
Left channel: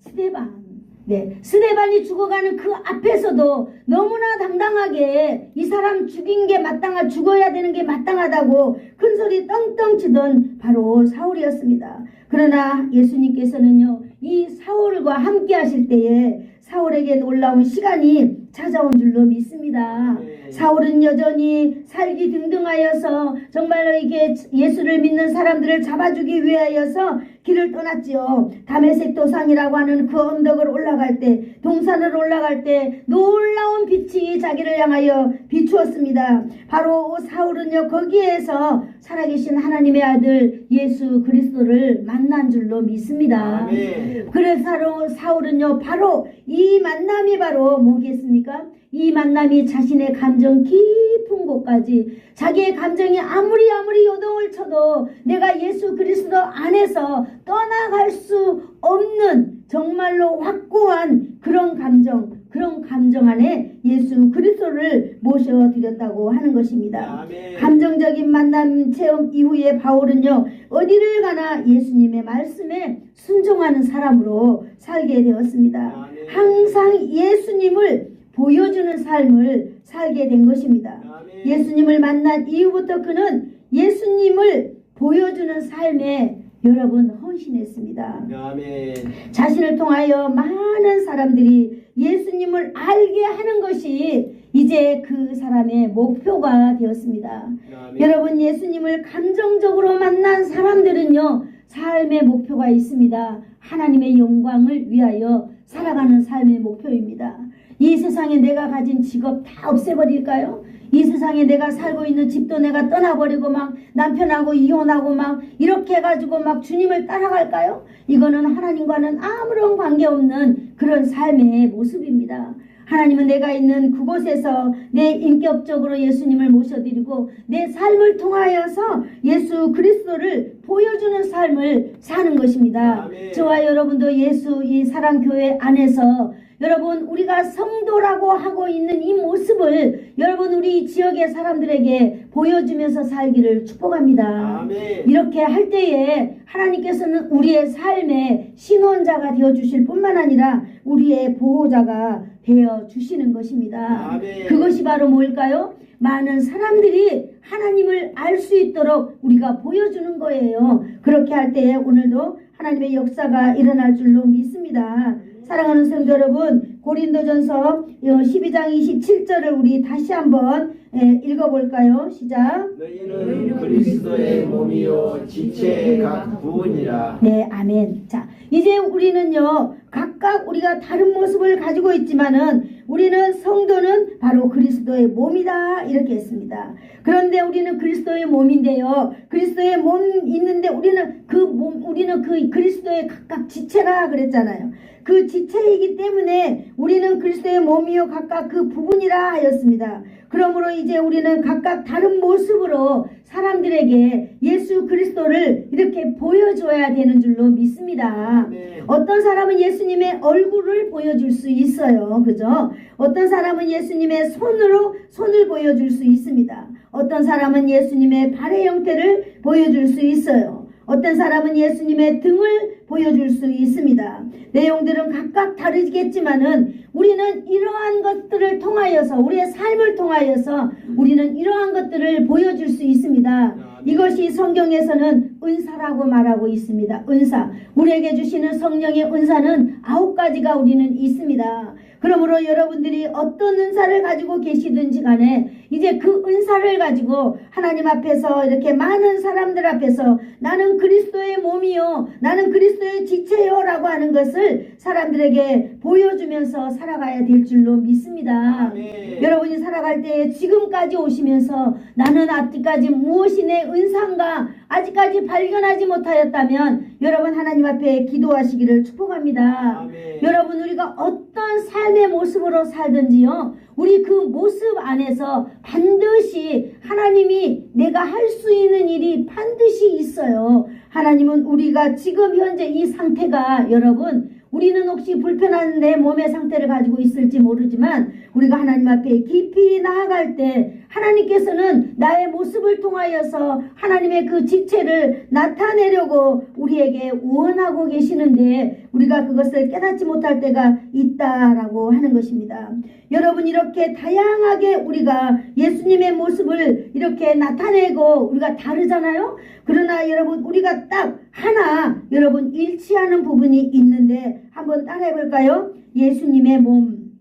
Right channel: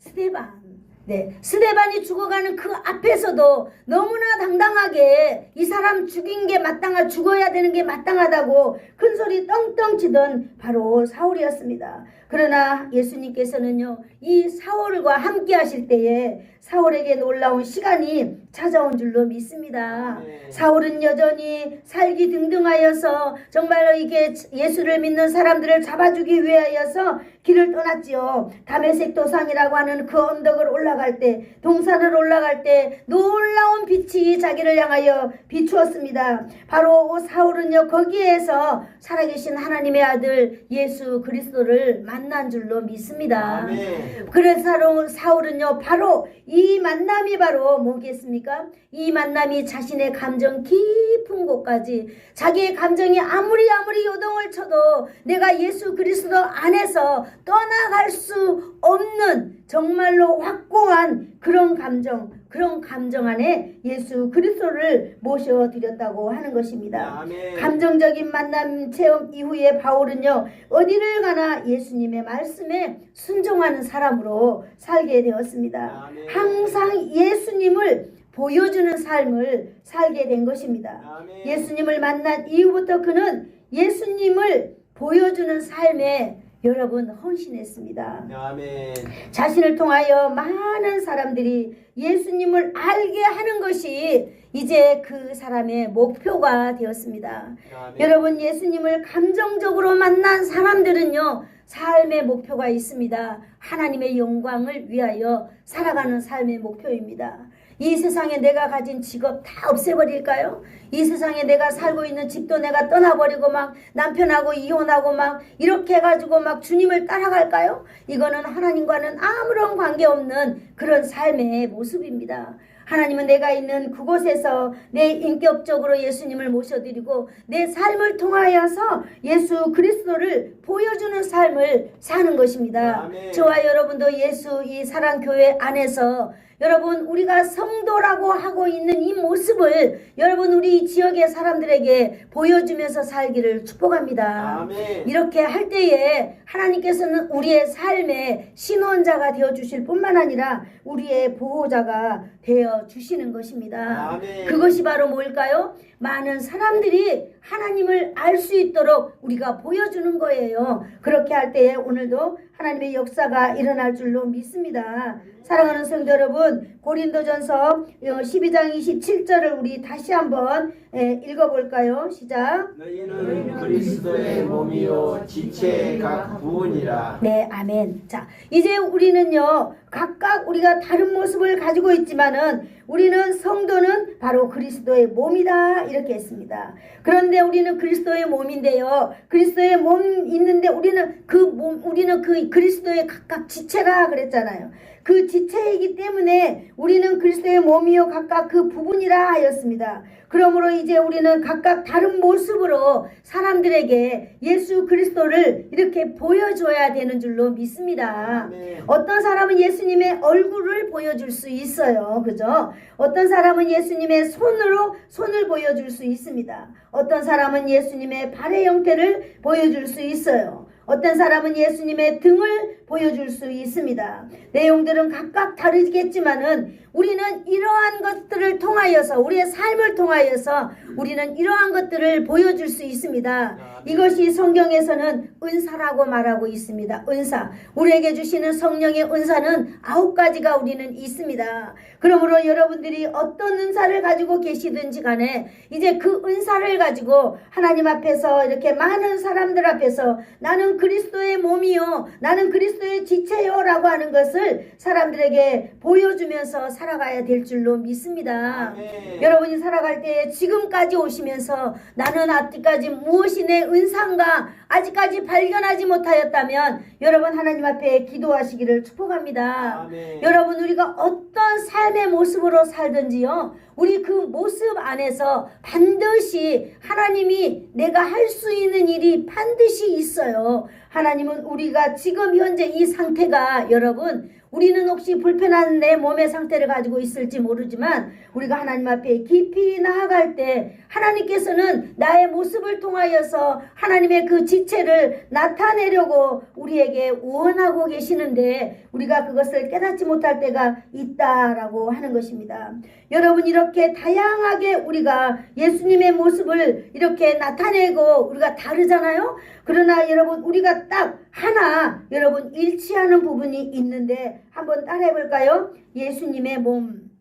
스데반. 네, 스데반이 죽어가는 그 앞에서도 너무나 당당하게 이 사람 죽인 게 죽어야 되는 게 마땅하다고 큰 소리 떵떵 치던 바로 사울이었습니다. 그러나 예수님께서는요, 이 사울과 함께 하실 때에 사울에게 놀라운 시간이 찾아온 줄로 믿습니다. 사울은 여전히 살기 등등하여서 정말로 이게 예수를 믿는 사람들을 잡아주기 위하여서 길을 떠났지요. 다메섹 도상이라고 하는 그 언덕을 올라갈 때, 동산을 올라갈 때 놀라운 빛이 자기를 향하여 비추었습니다. 바로 사울은요, 거기에서 살아계신 하나님의 아들 예수 그리스도를 만난 줄로 믿습니다. 아멘. 그래서 사울은요, 바로 이 만남이 바로 뭐겠습니까? 이 만남이 자신의 감정 깊은 곳까지, 자기의 감정이 아무리 요동을 쳐도 내가 예수 그리스도 안에서 떠나갈 수 없는 정말로 확고한 그런 감정 안에 예수 그리스도를 모셔드렸다고 하는 것입니다. 아멘. 감정적인 만남 체험 이후에 바울은요, 어디를 가나 예수님의 말씀에 순종하는 사람으로 살게 되었습니다. 아멘. 항상 예수님을 보여주는 삶을 살게 된 것입니다. 아멘. 예수님을 만난 이후부터 그는 예수님을 보여주는 삶에 여러분 헌신했습니다. 아멘. 자신을 통하여 많은 사람들이 예수님을 알게 하는 것이 이제 그 사람의 목표가 되었습니다. 아멘. 여러분, 예수님을 감정적으로 만난 사람들은요, 삶의 목표가 있습니다. 하나님의 영광을 위하여 살아가는 삶의 목표입니다. 이 세상에 내가 가진 직업 다 없애버릴까요? 이 세상에 내가 살고 있는 집도 내가 떠나버리고 막 남편하고 이혼하고 막 이렇게 해가지고 막 주님을 따라갈까요? 이거는 하나님과는 아무런 관계없는 그런 삶의 모습입니다. 하나님은 내가 있는 그곳에서 내 인격적으로 예수님을 모셔드리고 내 삶을 통하여서 예수 그리스도를 보여주는 삶을 사는 것입니다. 아멘. 저와 여러분도 예수 이 사랑교회 안에서 여러분, 우리가 성도라고 하고 있는 이 모습을 여러분, 우리 지역의 사람들에게 보여주면서 살기를 축복합니다. 아멘. 이렇게 할 때에 하나님께서는 우리의 삶의 신원자가 되어주실 뿐만 아니라 우리의 보호자가 되어주시는 것입니다. 아멘. 그것이 바로 뭘까요? 많은 사람들이 하나님을 알 수 있도록 우리가 보여주는 거예요. 그렇게 할 때에 오늘도 하나님의 역사가 일어날 줄로 믿습니다. 사랑하는 성도 여러분, 고린도전서 12장 27절을 우리 다시 한번 읽어볼까요? 시작. 너희는 그리스도의 몸이요 지체의 각 부분이라. 네, 아멘. 자, 이제 우리는요, 각각 우리가 다른 모습을 가지고 있지만은 우리는 성도는 바로 그리스도의 몸이다. 이렇게 했습니다. 그런데 우리는 그리스도의 몸인데요. 그리스도의 몸 있는데 우리는 그 그리스도의 각각 지체라 그랬잖아요. 그 지체이기 때문에 우리는 그리스도의 몸이요 각각 그 부분이라 하였습니다. 그러므로 이제 우리는 각각 다른 모습으로 사람들에게 예수 그리스도를 이렇게 보여줘야 되는 줄로 믿습니다. 네. 어떤 사람은 예수님의 얼굴을 보여줄 수 있어요. 그죠? 어떤 사람은 예수님의 손을 보여줄 수 있습니다. 어떤 사람은 예수님의 발의 형태를 보여줄 수 있어요. 어떤 사람은 예수님의 등을 보여줄 수 있습니다. 내용들은 각각 다르겠지만은 우리는 이러한 것들을 통하여서 우리의 삶을 통하여서 우리는 이러한 것들을 보여줄 수 있습니다. 이것이 성경에서는 은사라고 말하고 있습니다. 은사. 우리에게 주시는 성령의 은사는 9가지가 우리는 있습니다. 그러므로 여러분들이 어떤 은사를 가지고 계시든지 간에 이제 그 은사를 가지고 하나님 앞에서 이렇게 많은 사람들 앞에서 나는 그리스도의 몸이요 나는 그리스도의 지체요 라고 하는 것을 사람들에게 보여주면서 살아가야 될 줄로 믿습니다. 네. 여러분이 살아갈 때 지금까지 오시면서 나는 아직까지 무엇이 내 은사인가 아직까지 발견하지 못하였다면 여러분 하나님 앞에 기도하시기를 축복합니다. 아멘. 여러분 우리가 어떤 삶의 모습으로 살든지요 우리 그 모습 안에서 반드시 하나님이 내가 할 수 있는 일이 반드시 있어요. 하나님은 우리가 지금 현재 이 상태가 여러분 우리는 혹시 불편한 내 몸의 상태를 가지고 있을지 모르지만 우리가 하나님 앞에 깊이 나아갈 때 하나님께서는 나의 모습을 통하여서 하나님의 그 지체를 나타내려고 우리에게 원하고 계시는데 우리가 그것을 깨닫지 못할 때가 있다라고 하는 것입니다. 여러분 이렇게 다양하게 우리가 예수님의 모습을 이렇게 나타내고 우리가 다르잖아요. 그러나 여러분 우리가 딱 하나 여러분 일치하는 부분이 있는데 한번 따라해 볼까요? 예수님의 몸,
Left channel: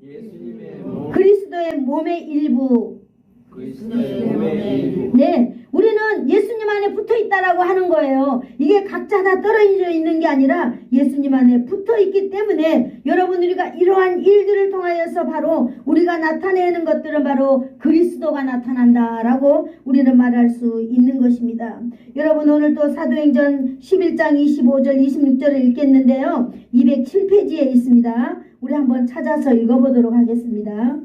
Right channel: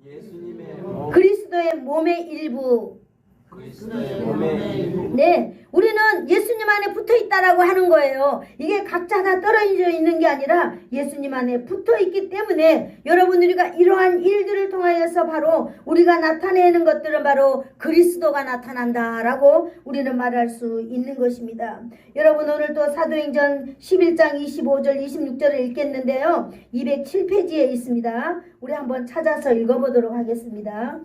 그리스도의 몸의 일부. 그리스도의 몸의 일부. 네, 우리는 예수님 안에 붙어 있다라고 하는 거예요. 이게 각자 다 떨어져 있는 게 아니라 예수님 안에 붙어 있기 때문에 여러분 우리가 이러한 일들을 통하여서 바로 우리가 나타내는 것들은 바로 그리스도가 나타난다라고 우리는 말할 수 있는 것입니다. 여러분 오늘 또 사도행전 11장 25절 26절을 읽겠는데요. 207페이지에 있습니다. 우리 한번 찾아서 읽어보도록 하겠습니다.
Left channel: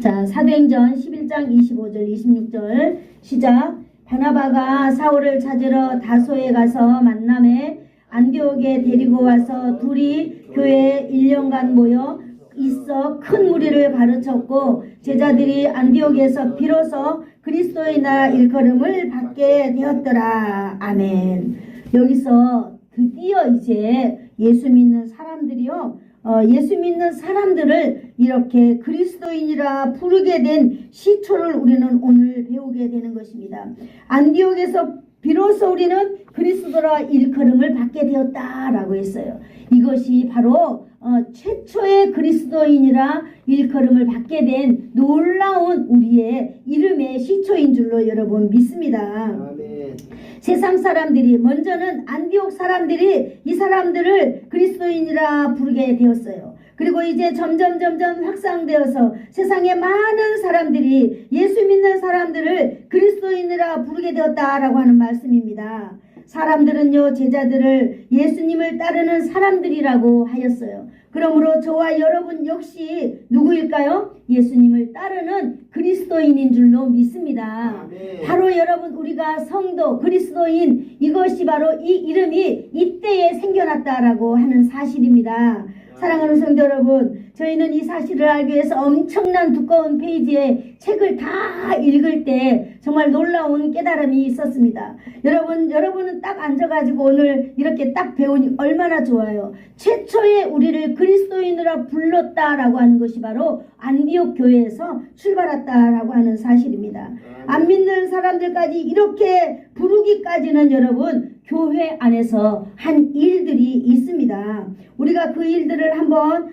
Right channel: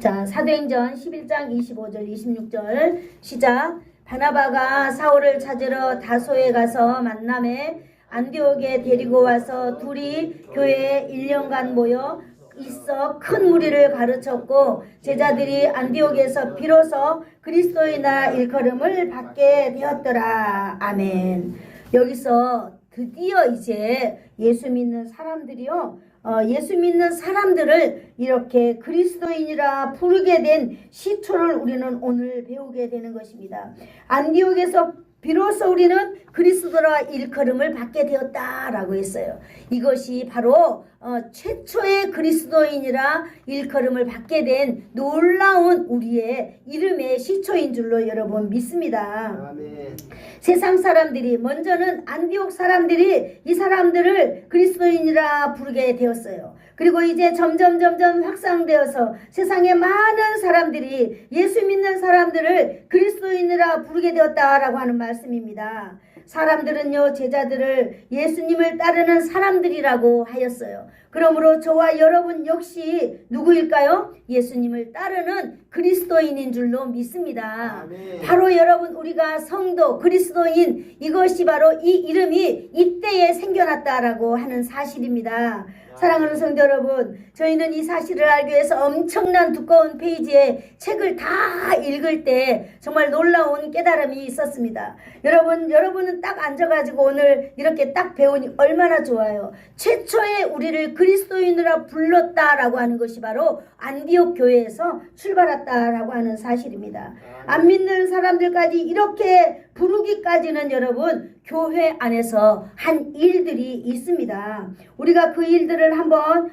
자, 사도행전 11장 25절 26절 시작. 바나바가 사울을 찾으러 다소에 가서 만남에 안디옥에 데리고 와서 둘이 교회에 1년간 모여 있어 큰 무리를 가르쳤고 제자들이 안디옥에서 비로소 그리스도의 나라 일컬음을 받게 되었더라. 아멘. 여기서 드디어 이제 예수 믿는 사람들이요 예수 믿는 사람들을 이렇게 그리스도인이라 부르게 된 시초를 우리는 오늘 배우게 되는 것입니다. 안디옥에서 비로소 우리는 그리스도라 일컬음을 받게 되었다라고 했어요. 이것이 바로 최초의 그리스도인이라 일컬음을 받게 된 놀라운 우리의 이름의 시초인 줄로 여러분 믿습니다. 아멘. 세상 사람들이 먼저는 안디옥 사람들이 이 사람들을 그리스도인이라 부르게 되었어요. 그리고 이제 점점 확산되어서 세상에 많은 사람들이 예수 믿는 사람들을 그리스도인이라 부르게 되었다라고 하는 말씀입니다. 사람들은요 제자들을 예수님을 따르는 사람들이라고 하였어요. 그러므로 저와 여러분 역시 누구일까요? 예수님을 따르는 그리스도인인 줄로 믿습니다. 아멘. 바로 여러분 우리가 성도 그리스도인 이것이 바로 이 이름이 이때에 생겨났다라고 하는 사실입니다. 사랑하는 성도 여러분, 저희는 이 사실을 알기 위해서 엄청난 두꺼운 페이지의 책을 다 읽을 때 정말 놀라운 깨달음이 있었습니다. 여러분은 딱 앉아가지고 오늘 이렇게 딱 배우니 얼마나 좋아요. 최초에 우리를 그리스도인으로 불렀다라고 하는 것이 바로 안디옥 교회에서 출발했다라고 하는 사실입니다. 안 믿는 사람들까지 이렇게 부르기까지는 여러분 교회 안에서 한 일들이 있습니다. 우리가 그 일들을 한번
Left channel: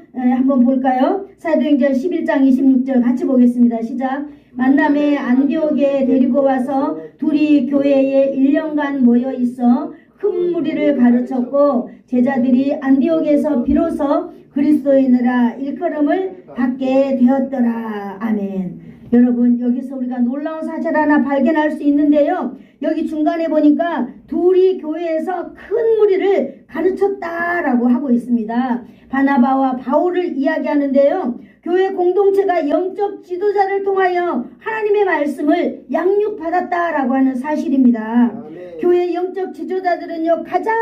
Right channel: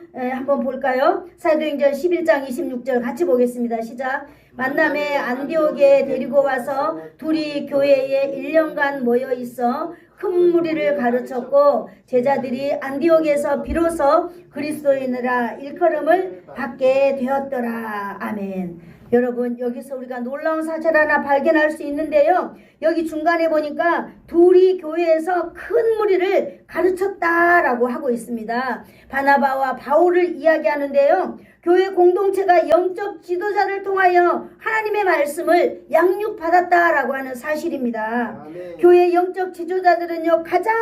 볼까요? 읽어볼까요? 사도행전 11장 26절 같이 보겠습니다. 시작. 만남에 안디옥에 데리고 와서 둘이 교회에 1년간 모여 있어 큰 무리를 가르쳤고 제자들이 안디옥에서 비로소 그리스도인이라 일컬음을 받게 되었더라. 아멘. 여러분, 여기서 우리가 놀라운 사실 하나 발견할 수 있는데요. 여기 중간에 보니까 둘이 교회에서 큰 무리를 가르쳤다라고 하고 있습니다. 바나바와 바울을 이야기하는데요. 교회 공동체가 영적 지도자를 통하여 하나님의 말씀을 양육받았다라고 하는 사실입니다. 아멘. 교회 영적 지도자들은요, 가장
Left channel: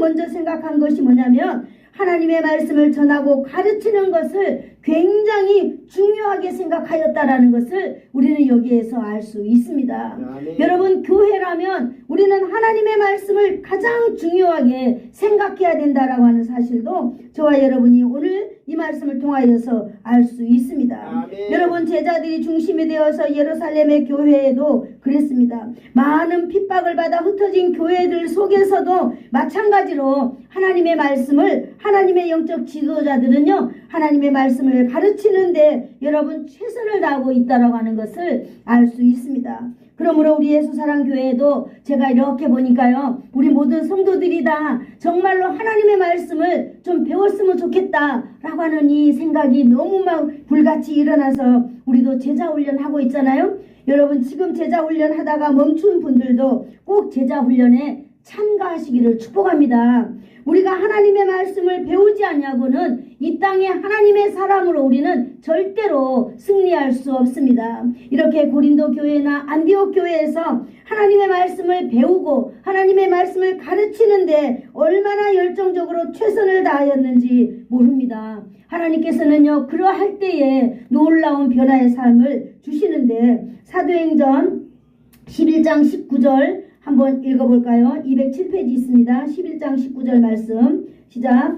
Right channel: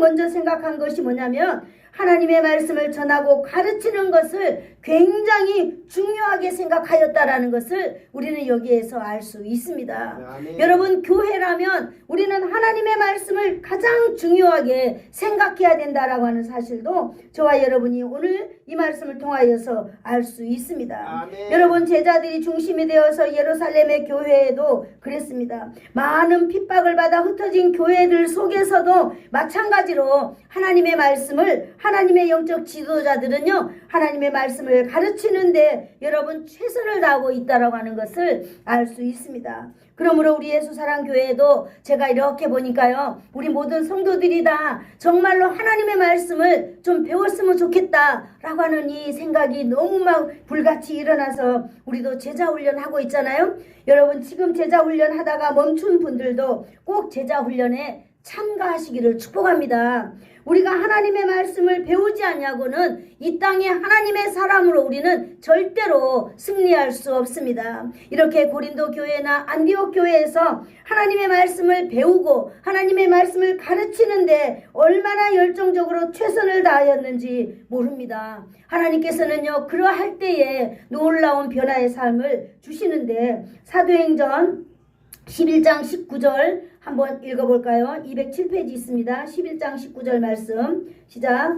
먼저 생각한 것이 뭐냐면 하나님의 말씀을 전하고 가르치는 것을 굉장히 중요하게 생각하였다라는 것을 우리는 여기에서 알 수 있습니다. 아멘. 여러분, 교회라면 우리는 하나님의 말씀을 가장 중요하게 생각해야 된다라고 하는 사실도 저와 여러분이 오늘 이 말씀을 통하여서 알 수 있습니다. 아멘. 여러분, 제자들이 중심이 되어서 예루살렘의 교회에도 그랬습니다. 많은 핍박을 받아 흩어진 교회들 속에서도 마찬가지로 하나님의 말씀을, 하나님의 영적 지도자들은요, 하나님의 말씀을 가르치는데 여러분 최선을 다하고 있다라고 하는 것을 알 수 있습니다. 그러므로 우리 예수사랑교회에도 제가 이렇게 보니까요, 우리 모든 성도들이 다 정말로 하나님의 말씀을 좀 배웠으면 좋겠다라고 하는 이 생각이 너무 막 불같이 일어나서 우리도 제자훈련 하고 있잖아요. 여러분, 지금 제자훈련 하다가 멈춘 분들도 꼭 제자훈련에 참가하시기를 축복합니다. 우리가 하나님의 말씀을 배우지 않냐고는 이 땅에 하나님의 사람으로 우리는 절대로 승리할 수 없습니다. 이렇게 고린도 교회나 안디옥 교회에서 하나님의 말씀을 배우고 하나님의 말씀을 가르치는데 얼마나 열정적으로 최선을 다하였는지 모릅니다. 하나님께서는요, 그러할 때에 놀라운 변화의 삶을 주시는데 사도행전 11장 19절 한번 읽어볼까요? 207페이지 있습니다. 11장 19절 말씀 시작.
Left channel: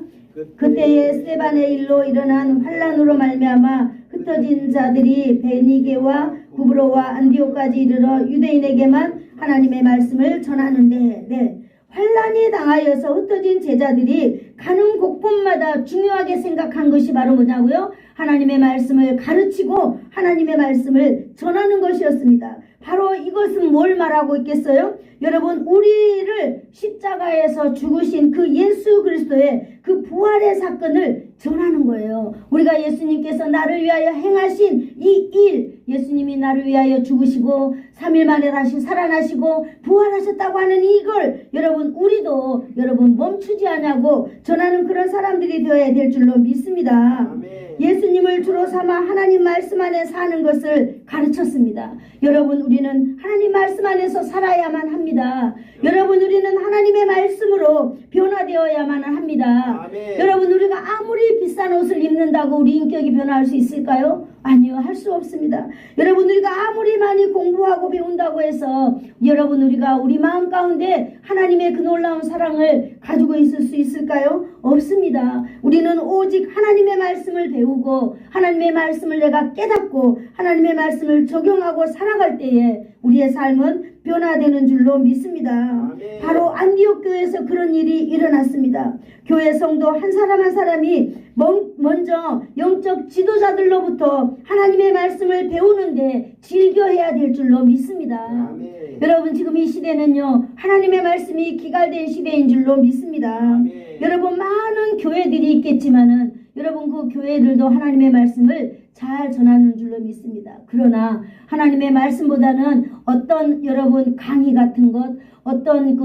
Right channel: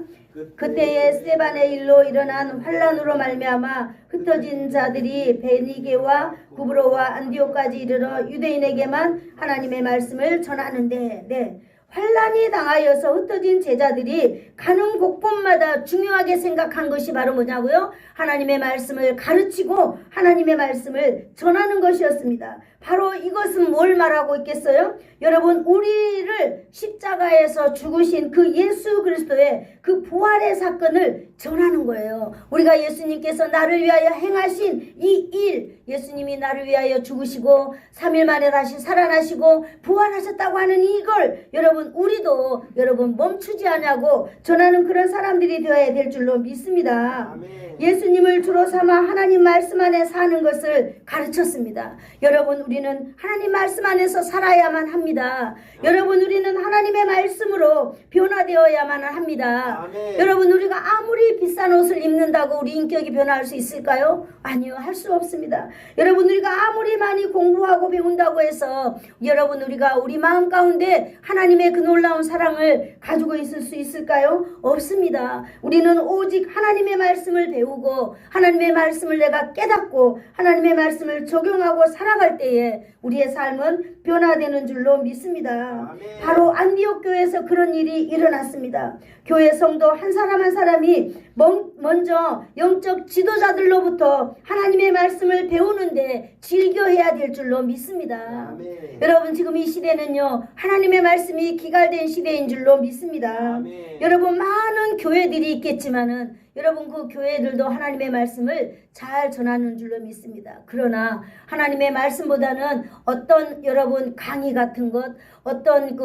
그때에 스데반의 일로 일어난 환란으로 말미암아 흩어진 자들이 베니게와 구브로와 안디옥까지 이르러 유대인에게만 하나님의 말씀을 전하는데, 네, 환란이 당하여서 흩어진 제자들이 가는 곳곳마다 중요하게 생각한 것이 바로 뭐냐고요? 하나님의 말씀을 가르치고 하나님의 말씀을 전하는 것이었습니다. 바로 이것은 뭘 말하고 있겠어요? 여러분, 우리를 십자가에서 죽으신 그 예수 그리스도의 그 부활의 사건을 전하는 거예요. 우리가 예수님께서 나를 위하여 행하신 이 일, 예수님이 나를 위하여 죽으시고 3일 만에 다시 살아나시고 부활하셨다고 하는 이걸 여러분, 우리도 여러분 멈추지 않냐고 전하는 그런 사람들이 되어야 될 줄로 믿습니다. 아멘. 예수님을 주로 삼아 하나님 말씀 안에 사는 것을 가르쳤습니다. 여러분, 우리는 하나님 말씀 안에서 살아야만 합니다. 여러분, 우리는 하나님의 말씀으로 변화되어야만 합니다. 아멘. 여러분, 우리가 아무리 비싼 옷을 입는다고 우리 인격이 변화할 수 있을까요? 아니요, 할 수 없습니다. 여러분, 우리가 아무리 많이 공부하고 배운다고 해서 여러분, 우리가 우리 마음 가운데 하나님의 그 놀라운 사랑을 가지고 있을 수 있을까요? 없습니다. 우리는 오직 하나님의 말씀을 배우고 하나님의 말씀을 내가 깨닫고 하나님의 말씀을 적용하고 살아갈 때에 우리의 삶은 변화되는 줄로 믿습니다. 아멘. 바로 안디옥 교회에서 그런 일이 일어났습니다. 교회 성도 한 사람 한 사람이 먼저 영적 지도자들로부터 하나님의 말씀을 배우는데 즐겨해야 될 줄로 믿습니다. 아멘. 여러분, 지금 이 시대는요, 하나님의 말씀이 기갈된 시대인 줄로 믿습니다. 아멘. 여러분, 많은 교회들이 있겠지만은 여러분, 그 교회들도 하나님의 말씀을 잘 전하는 줄로 믿습니다. 그러나 하나님의 말씀보다는 어떤 여러분 강의 같은 것, 어떤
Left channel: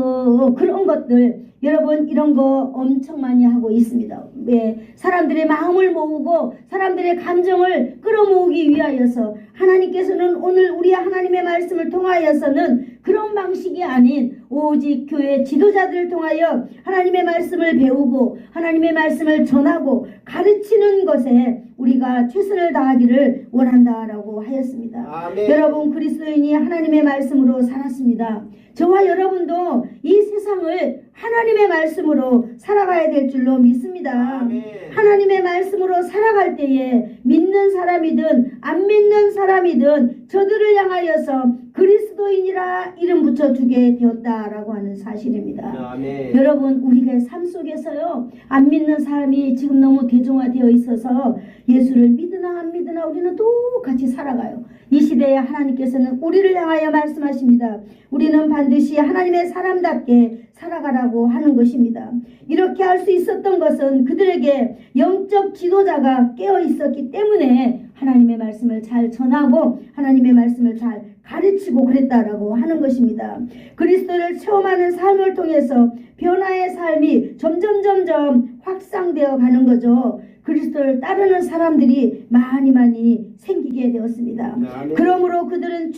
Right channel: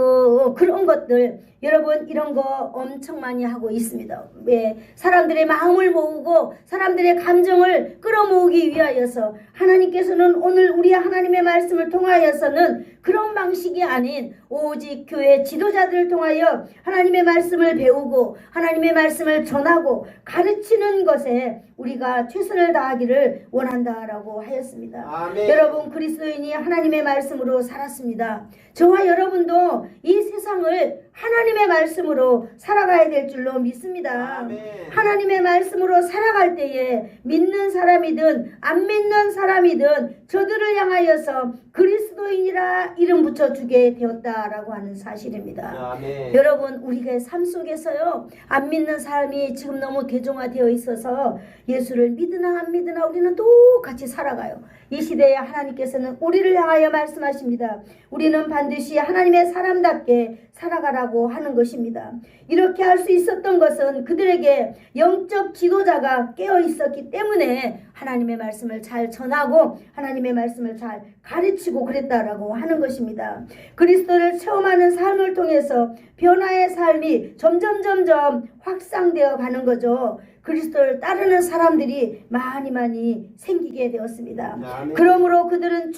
그런 것들 여러분 이런 거 엄청 많이 하고 있습니다. 왜? 사람들의 마음을 모으고 사람들의 감정을 끌어모으기 위하여서 하나님께서는 오늘 우리 하나님의 말씀을 통하여서는 그런 방식이 아닌 오직 교회 지도자들을 통하여 하나님의 말씀을 배우고 하나님의 말씀을 전하고 가르치는 것에 우리가 최선을 다하기를 원한다라고 하였습니다. 아멘. 여러분, 그리스도인이 하나님의 말씀으로 살았습니다. 저와 여러분도 이 세상을 하나님의 말씀으로 살아가야 될 줄로 믿습니다. 아멘. 하나님의 말씀으로 살아갈 때에 믿는 사람이든 안 믿는 사람이든 저들을 향하여서 그리스도인이라 이름 붙여주게 되었다라고 하는 사실입니다. 아멘. 여러분, 우리의 삶 속에서요, 안 믿는 사람이 지금 너무 대중화되어 있어서 예수를 믿으나 안 믿으나 우리는 똑같이 살아가요. 이 시대에 하나님께서는 우리를 향하여 말씀하십니다. 우리는 반드시 하나님의 사람답게 살아가라고 하는 것입니다. 이렇게 할 수 있었던 것은 그들에게 영적 지도자가 깨어 있었기 때문에 하나님의 말씀을 잘 전하고 하나님의 말씀을 잘 가르치고 그랬다라고 하는 것입니다. 그리스도를 체험하는 삶을 통해서 변화의 삶이 점점 확산되어 가는 거죠. 그리스도를 따르는 사람들이 많이 생기게 되었습니다. 아멘. 그러므로 그들은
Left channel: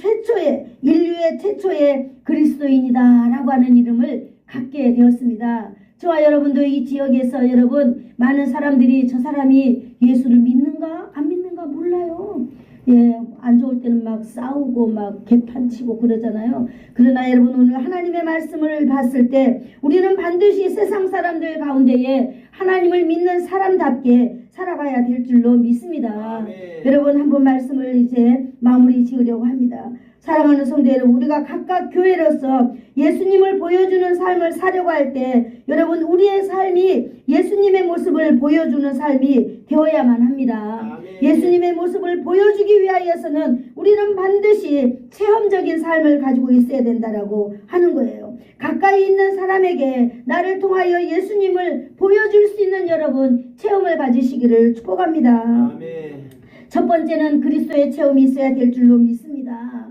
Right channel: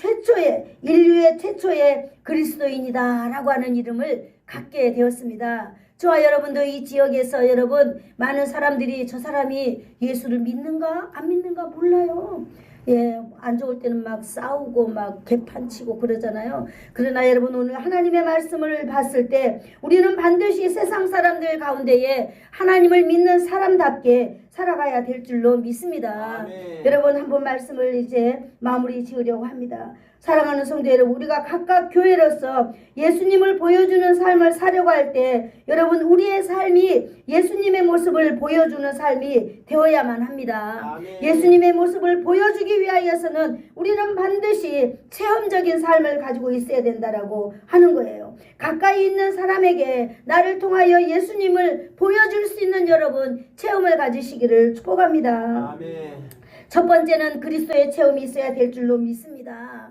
인류의 최초의 그리스도인이다라고 하는 이름을 갖게 되었습니다. 저와 여러분도 이 지역에서 여러분 많은 사람들이 저 사람이 예수를 믿는가 안 믿는가 몰라요. 예, 안 좋을 때는 막 싸우고 막 개판치고 그러잖아요. 그러나 여러분, 오늘 하나님의 말씀을 봤을 때 우리는 반드시 세상 사람들 가운데에 하나님을 믿는 사람답게 살아가야 될 줄로 믿습니다. 아멘. 여러분, 한번 말씀을 이제 마무리 지으려고 합니다. 사랑하는 성도 여러분, 우리가 각각 교회로서 예수님을 보여주는 삶을 사려고 할 때 여러분, 우리의 삶이 예수님의 모습을 보여주는 삶이 되어야만 합니다. 아멘. 예수님의 모습을 보여주기 위하여서는 우리는 반드시 체험적인 삶을 가지고 있어야 된다라고 하는 거예요. 가까이 있는 사람에게 나를 통하여 예수님을 보여줄 수 있는 여러분 체험을 가지시기를 축복합니다. 아멘. 첫 번째는 그리스도의 체험이 있어야 될 줄로 믿습니다.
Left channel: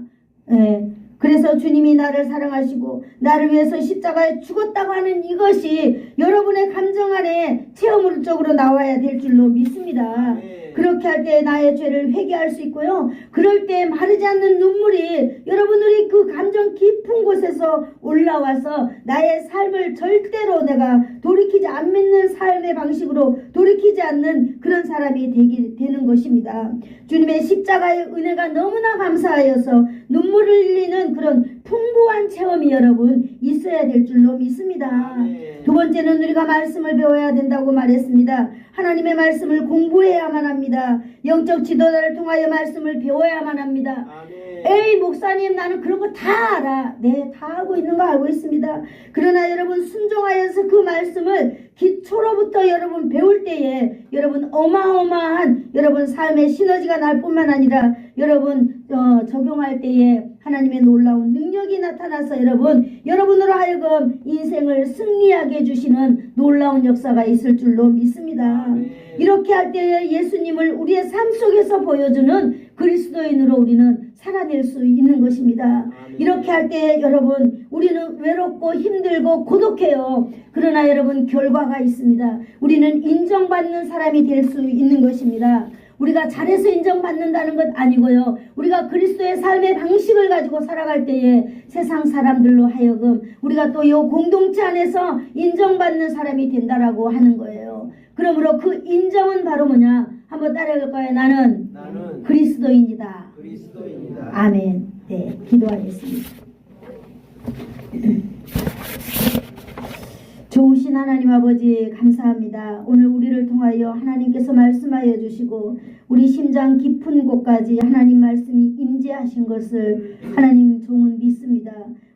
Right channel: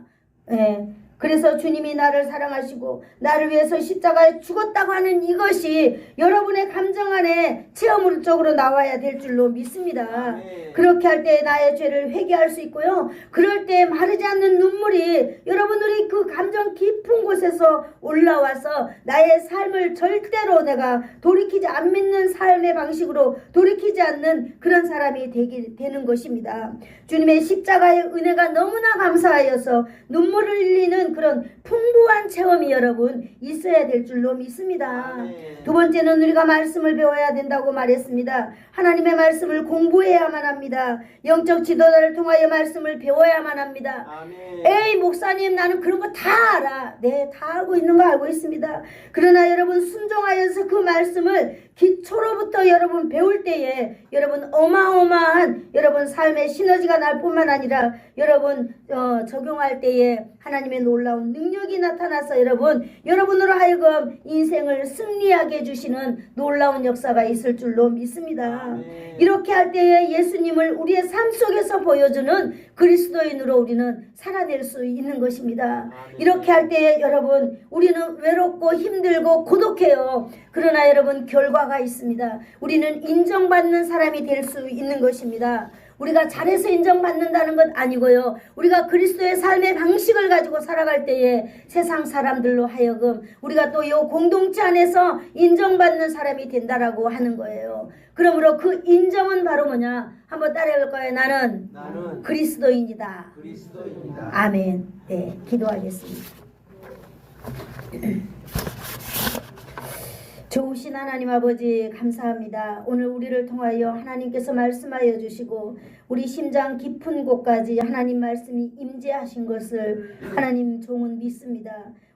예. 그래서 주님이 나를 사랑하시고 나를 위해서 십자가에 죽었다고 하는 이것이 여러분의 감정 안에 체험적으로 나와야 될 줄로 믿습니다. 네. 그렇게 할 때 나의 죄를 회개할 수 있고요. 그럴 때 마르지 않는 눈물이 여러분들이 그 감정 깊은 곳에서 올라와서 나의 삶을 절대로 내가 돌이키지 안 믿는 삶의 방식으로 돌이키지 않는 그런 사람이 되는 것입니다. 주님의 십자가의 은혜가 너무나 감사하여서 눈물을 흘리는 그런 풍부한 체험이 여러분 있어야 될 줄로 믿습니다. 아멘. 두 번째는 우리가 말씀을 배워야 된다고 말했습니다. 하나님의 말씀을 공부해야만 합니다. 영적 지도자를 통하여 말씀을 배워야만 합니다. 아멘. 에이 목사님, 나는 그런 거 다 알아. 네, 다 알고 있는 거 알고 있습니다. 그러나 여러분 순종하여서 그 말씀을 기초로부터 여러분 배울 때에 여러분 어마어마한 여러분 삶의 시너지가 날 뿐만 아니라 여러분 적용할 때에 하나님의 놀라운 능력이 나타나서 여러분으로 하여금 인생을 승리하게 해주시는 놀라운 역사가 있을 줄로 믿습니다. 아멘. 이렇게 할 때에 예수님을 우리의 삶 속에서 보여주는 그리스도인으로 우리는 살아낼 수 있는 것입니다. 아멘. 이렇게 할 때에 여러분 우리는 외롭고 힘들고 고독해요. 그러나 여러분 결과가 있습니다. 우리는 인정받는 사람이 될 수 있는 것입니다. 우리가 잘해서 인정받는다는 것 아니고요. 우리가 그리스도의 삶의 방식을 가지고 살아갈 때에 세상 사람들로 하여금 우리가 또 이 공동체 안에서 인정받는 사람이 된다라고 하는 거예요. 그러므로 그 인정은 바로 뭐냐? 한번 따라해볼 거예요. 나는 그리스도인이다. 그리스도입니다. 아멘. 네, 기도하겠습니다. 좋으신 하나님 아버지 감사합니다. 오늘 우리를 통하여 하나님께서 말씀하여 주시고 우리 심장 깊은 곳까지 하나님 말씀이 임재하신 것을 하나님 종은 믿습니다.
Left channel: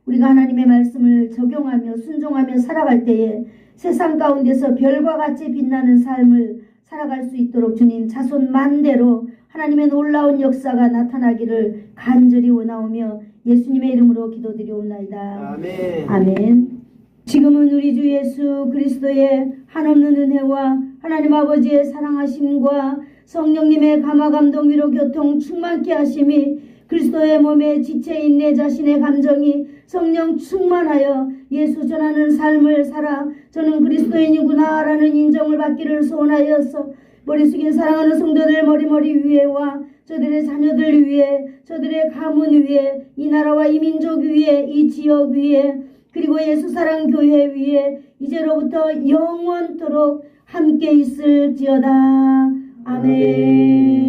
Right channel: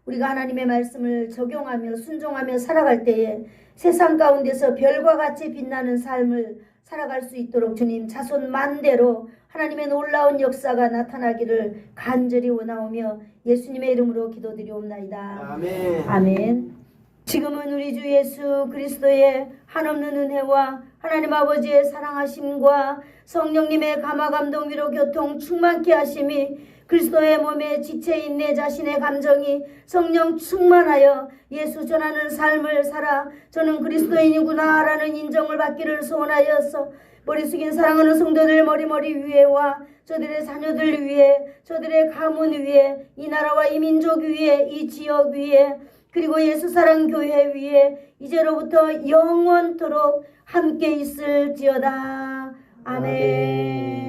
우리가 하나님의 말씀을 적용하며 순종하며 살아갈 때에 세상 가운데서 별과 같이 빛나는 삶을 살아갈 수 있도록 주님 자손 만대로 하나님의 놀라운 역사가 나타나기를 간절히 원하오며 예수님의 이름으로 기도드리옵나이다. 아멘. 아멘. 지금은 우리 주 예수 그리스도의 한없는 은혜와 하나님 아버지의 사랑하심과 성령님의 감화감동 위로 교통 충만케 하심이 그리스도의 몸에 지체인 내 자신의 감정이 성령 충만하여 예수 전하는 삶을 살아 저는 그리스도인이구나 라는 인정을 받기를 소원하여서 머리 숙인 사랑하는 성도들 머리 위에와 저들의 자녀들 위에 저들의 가문 위에 이 나라와 이 민족 위에 이 지역 위에 그리고 예수사랑교회 위에 이제로부터 영원토록 함께 있을지어다. 아멘.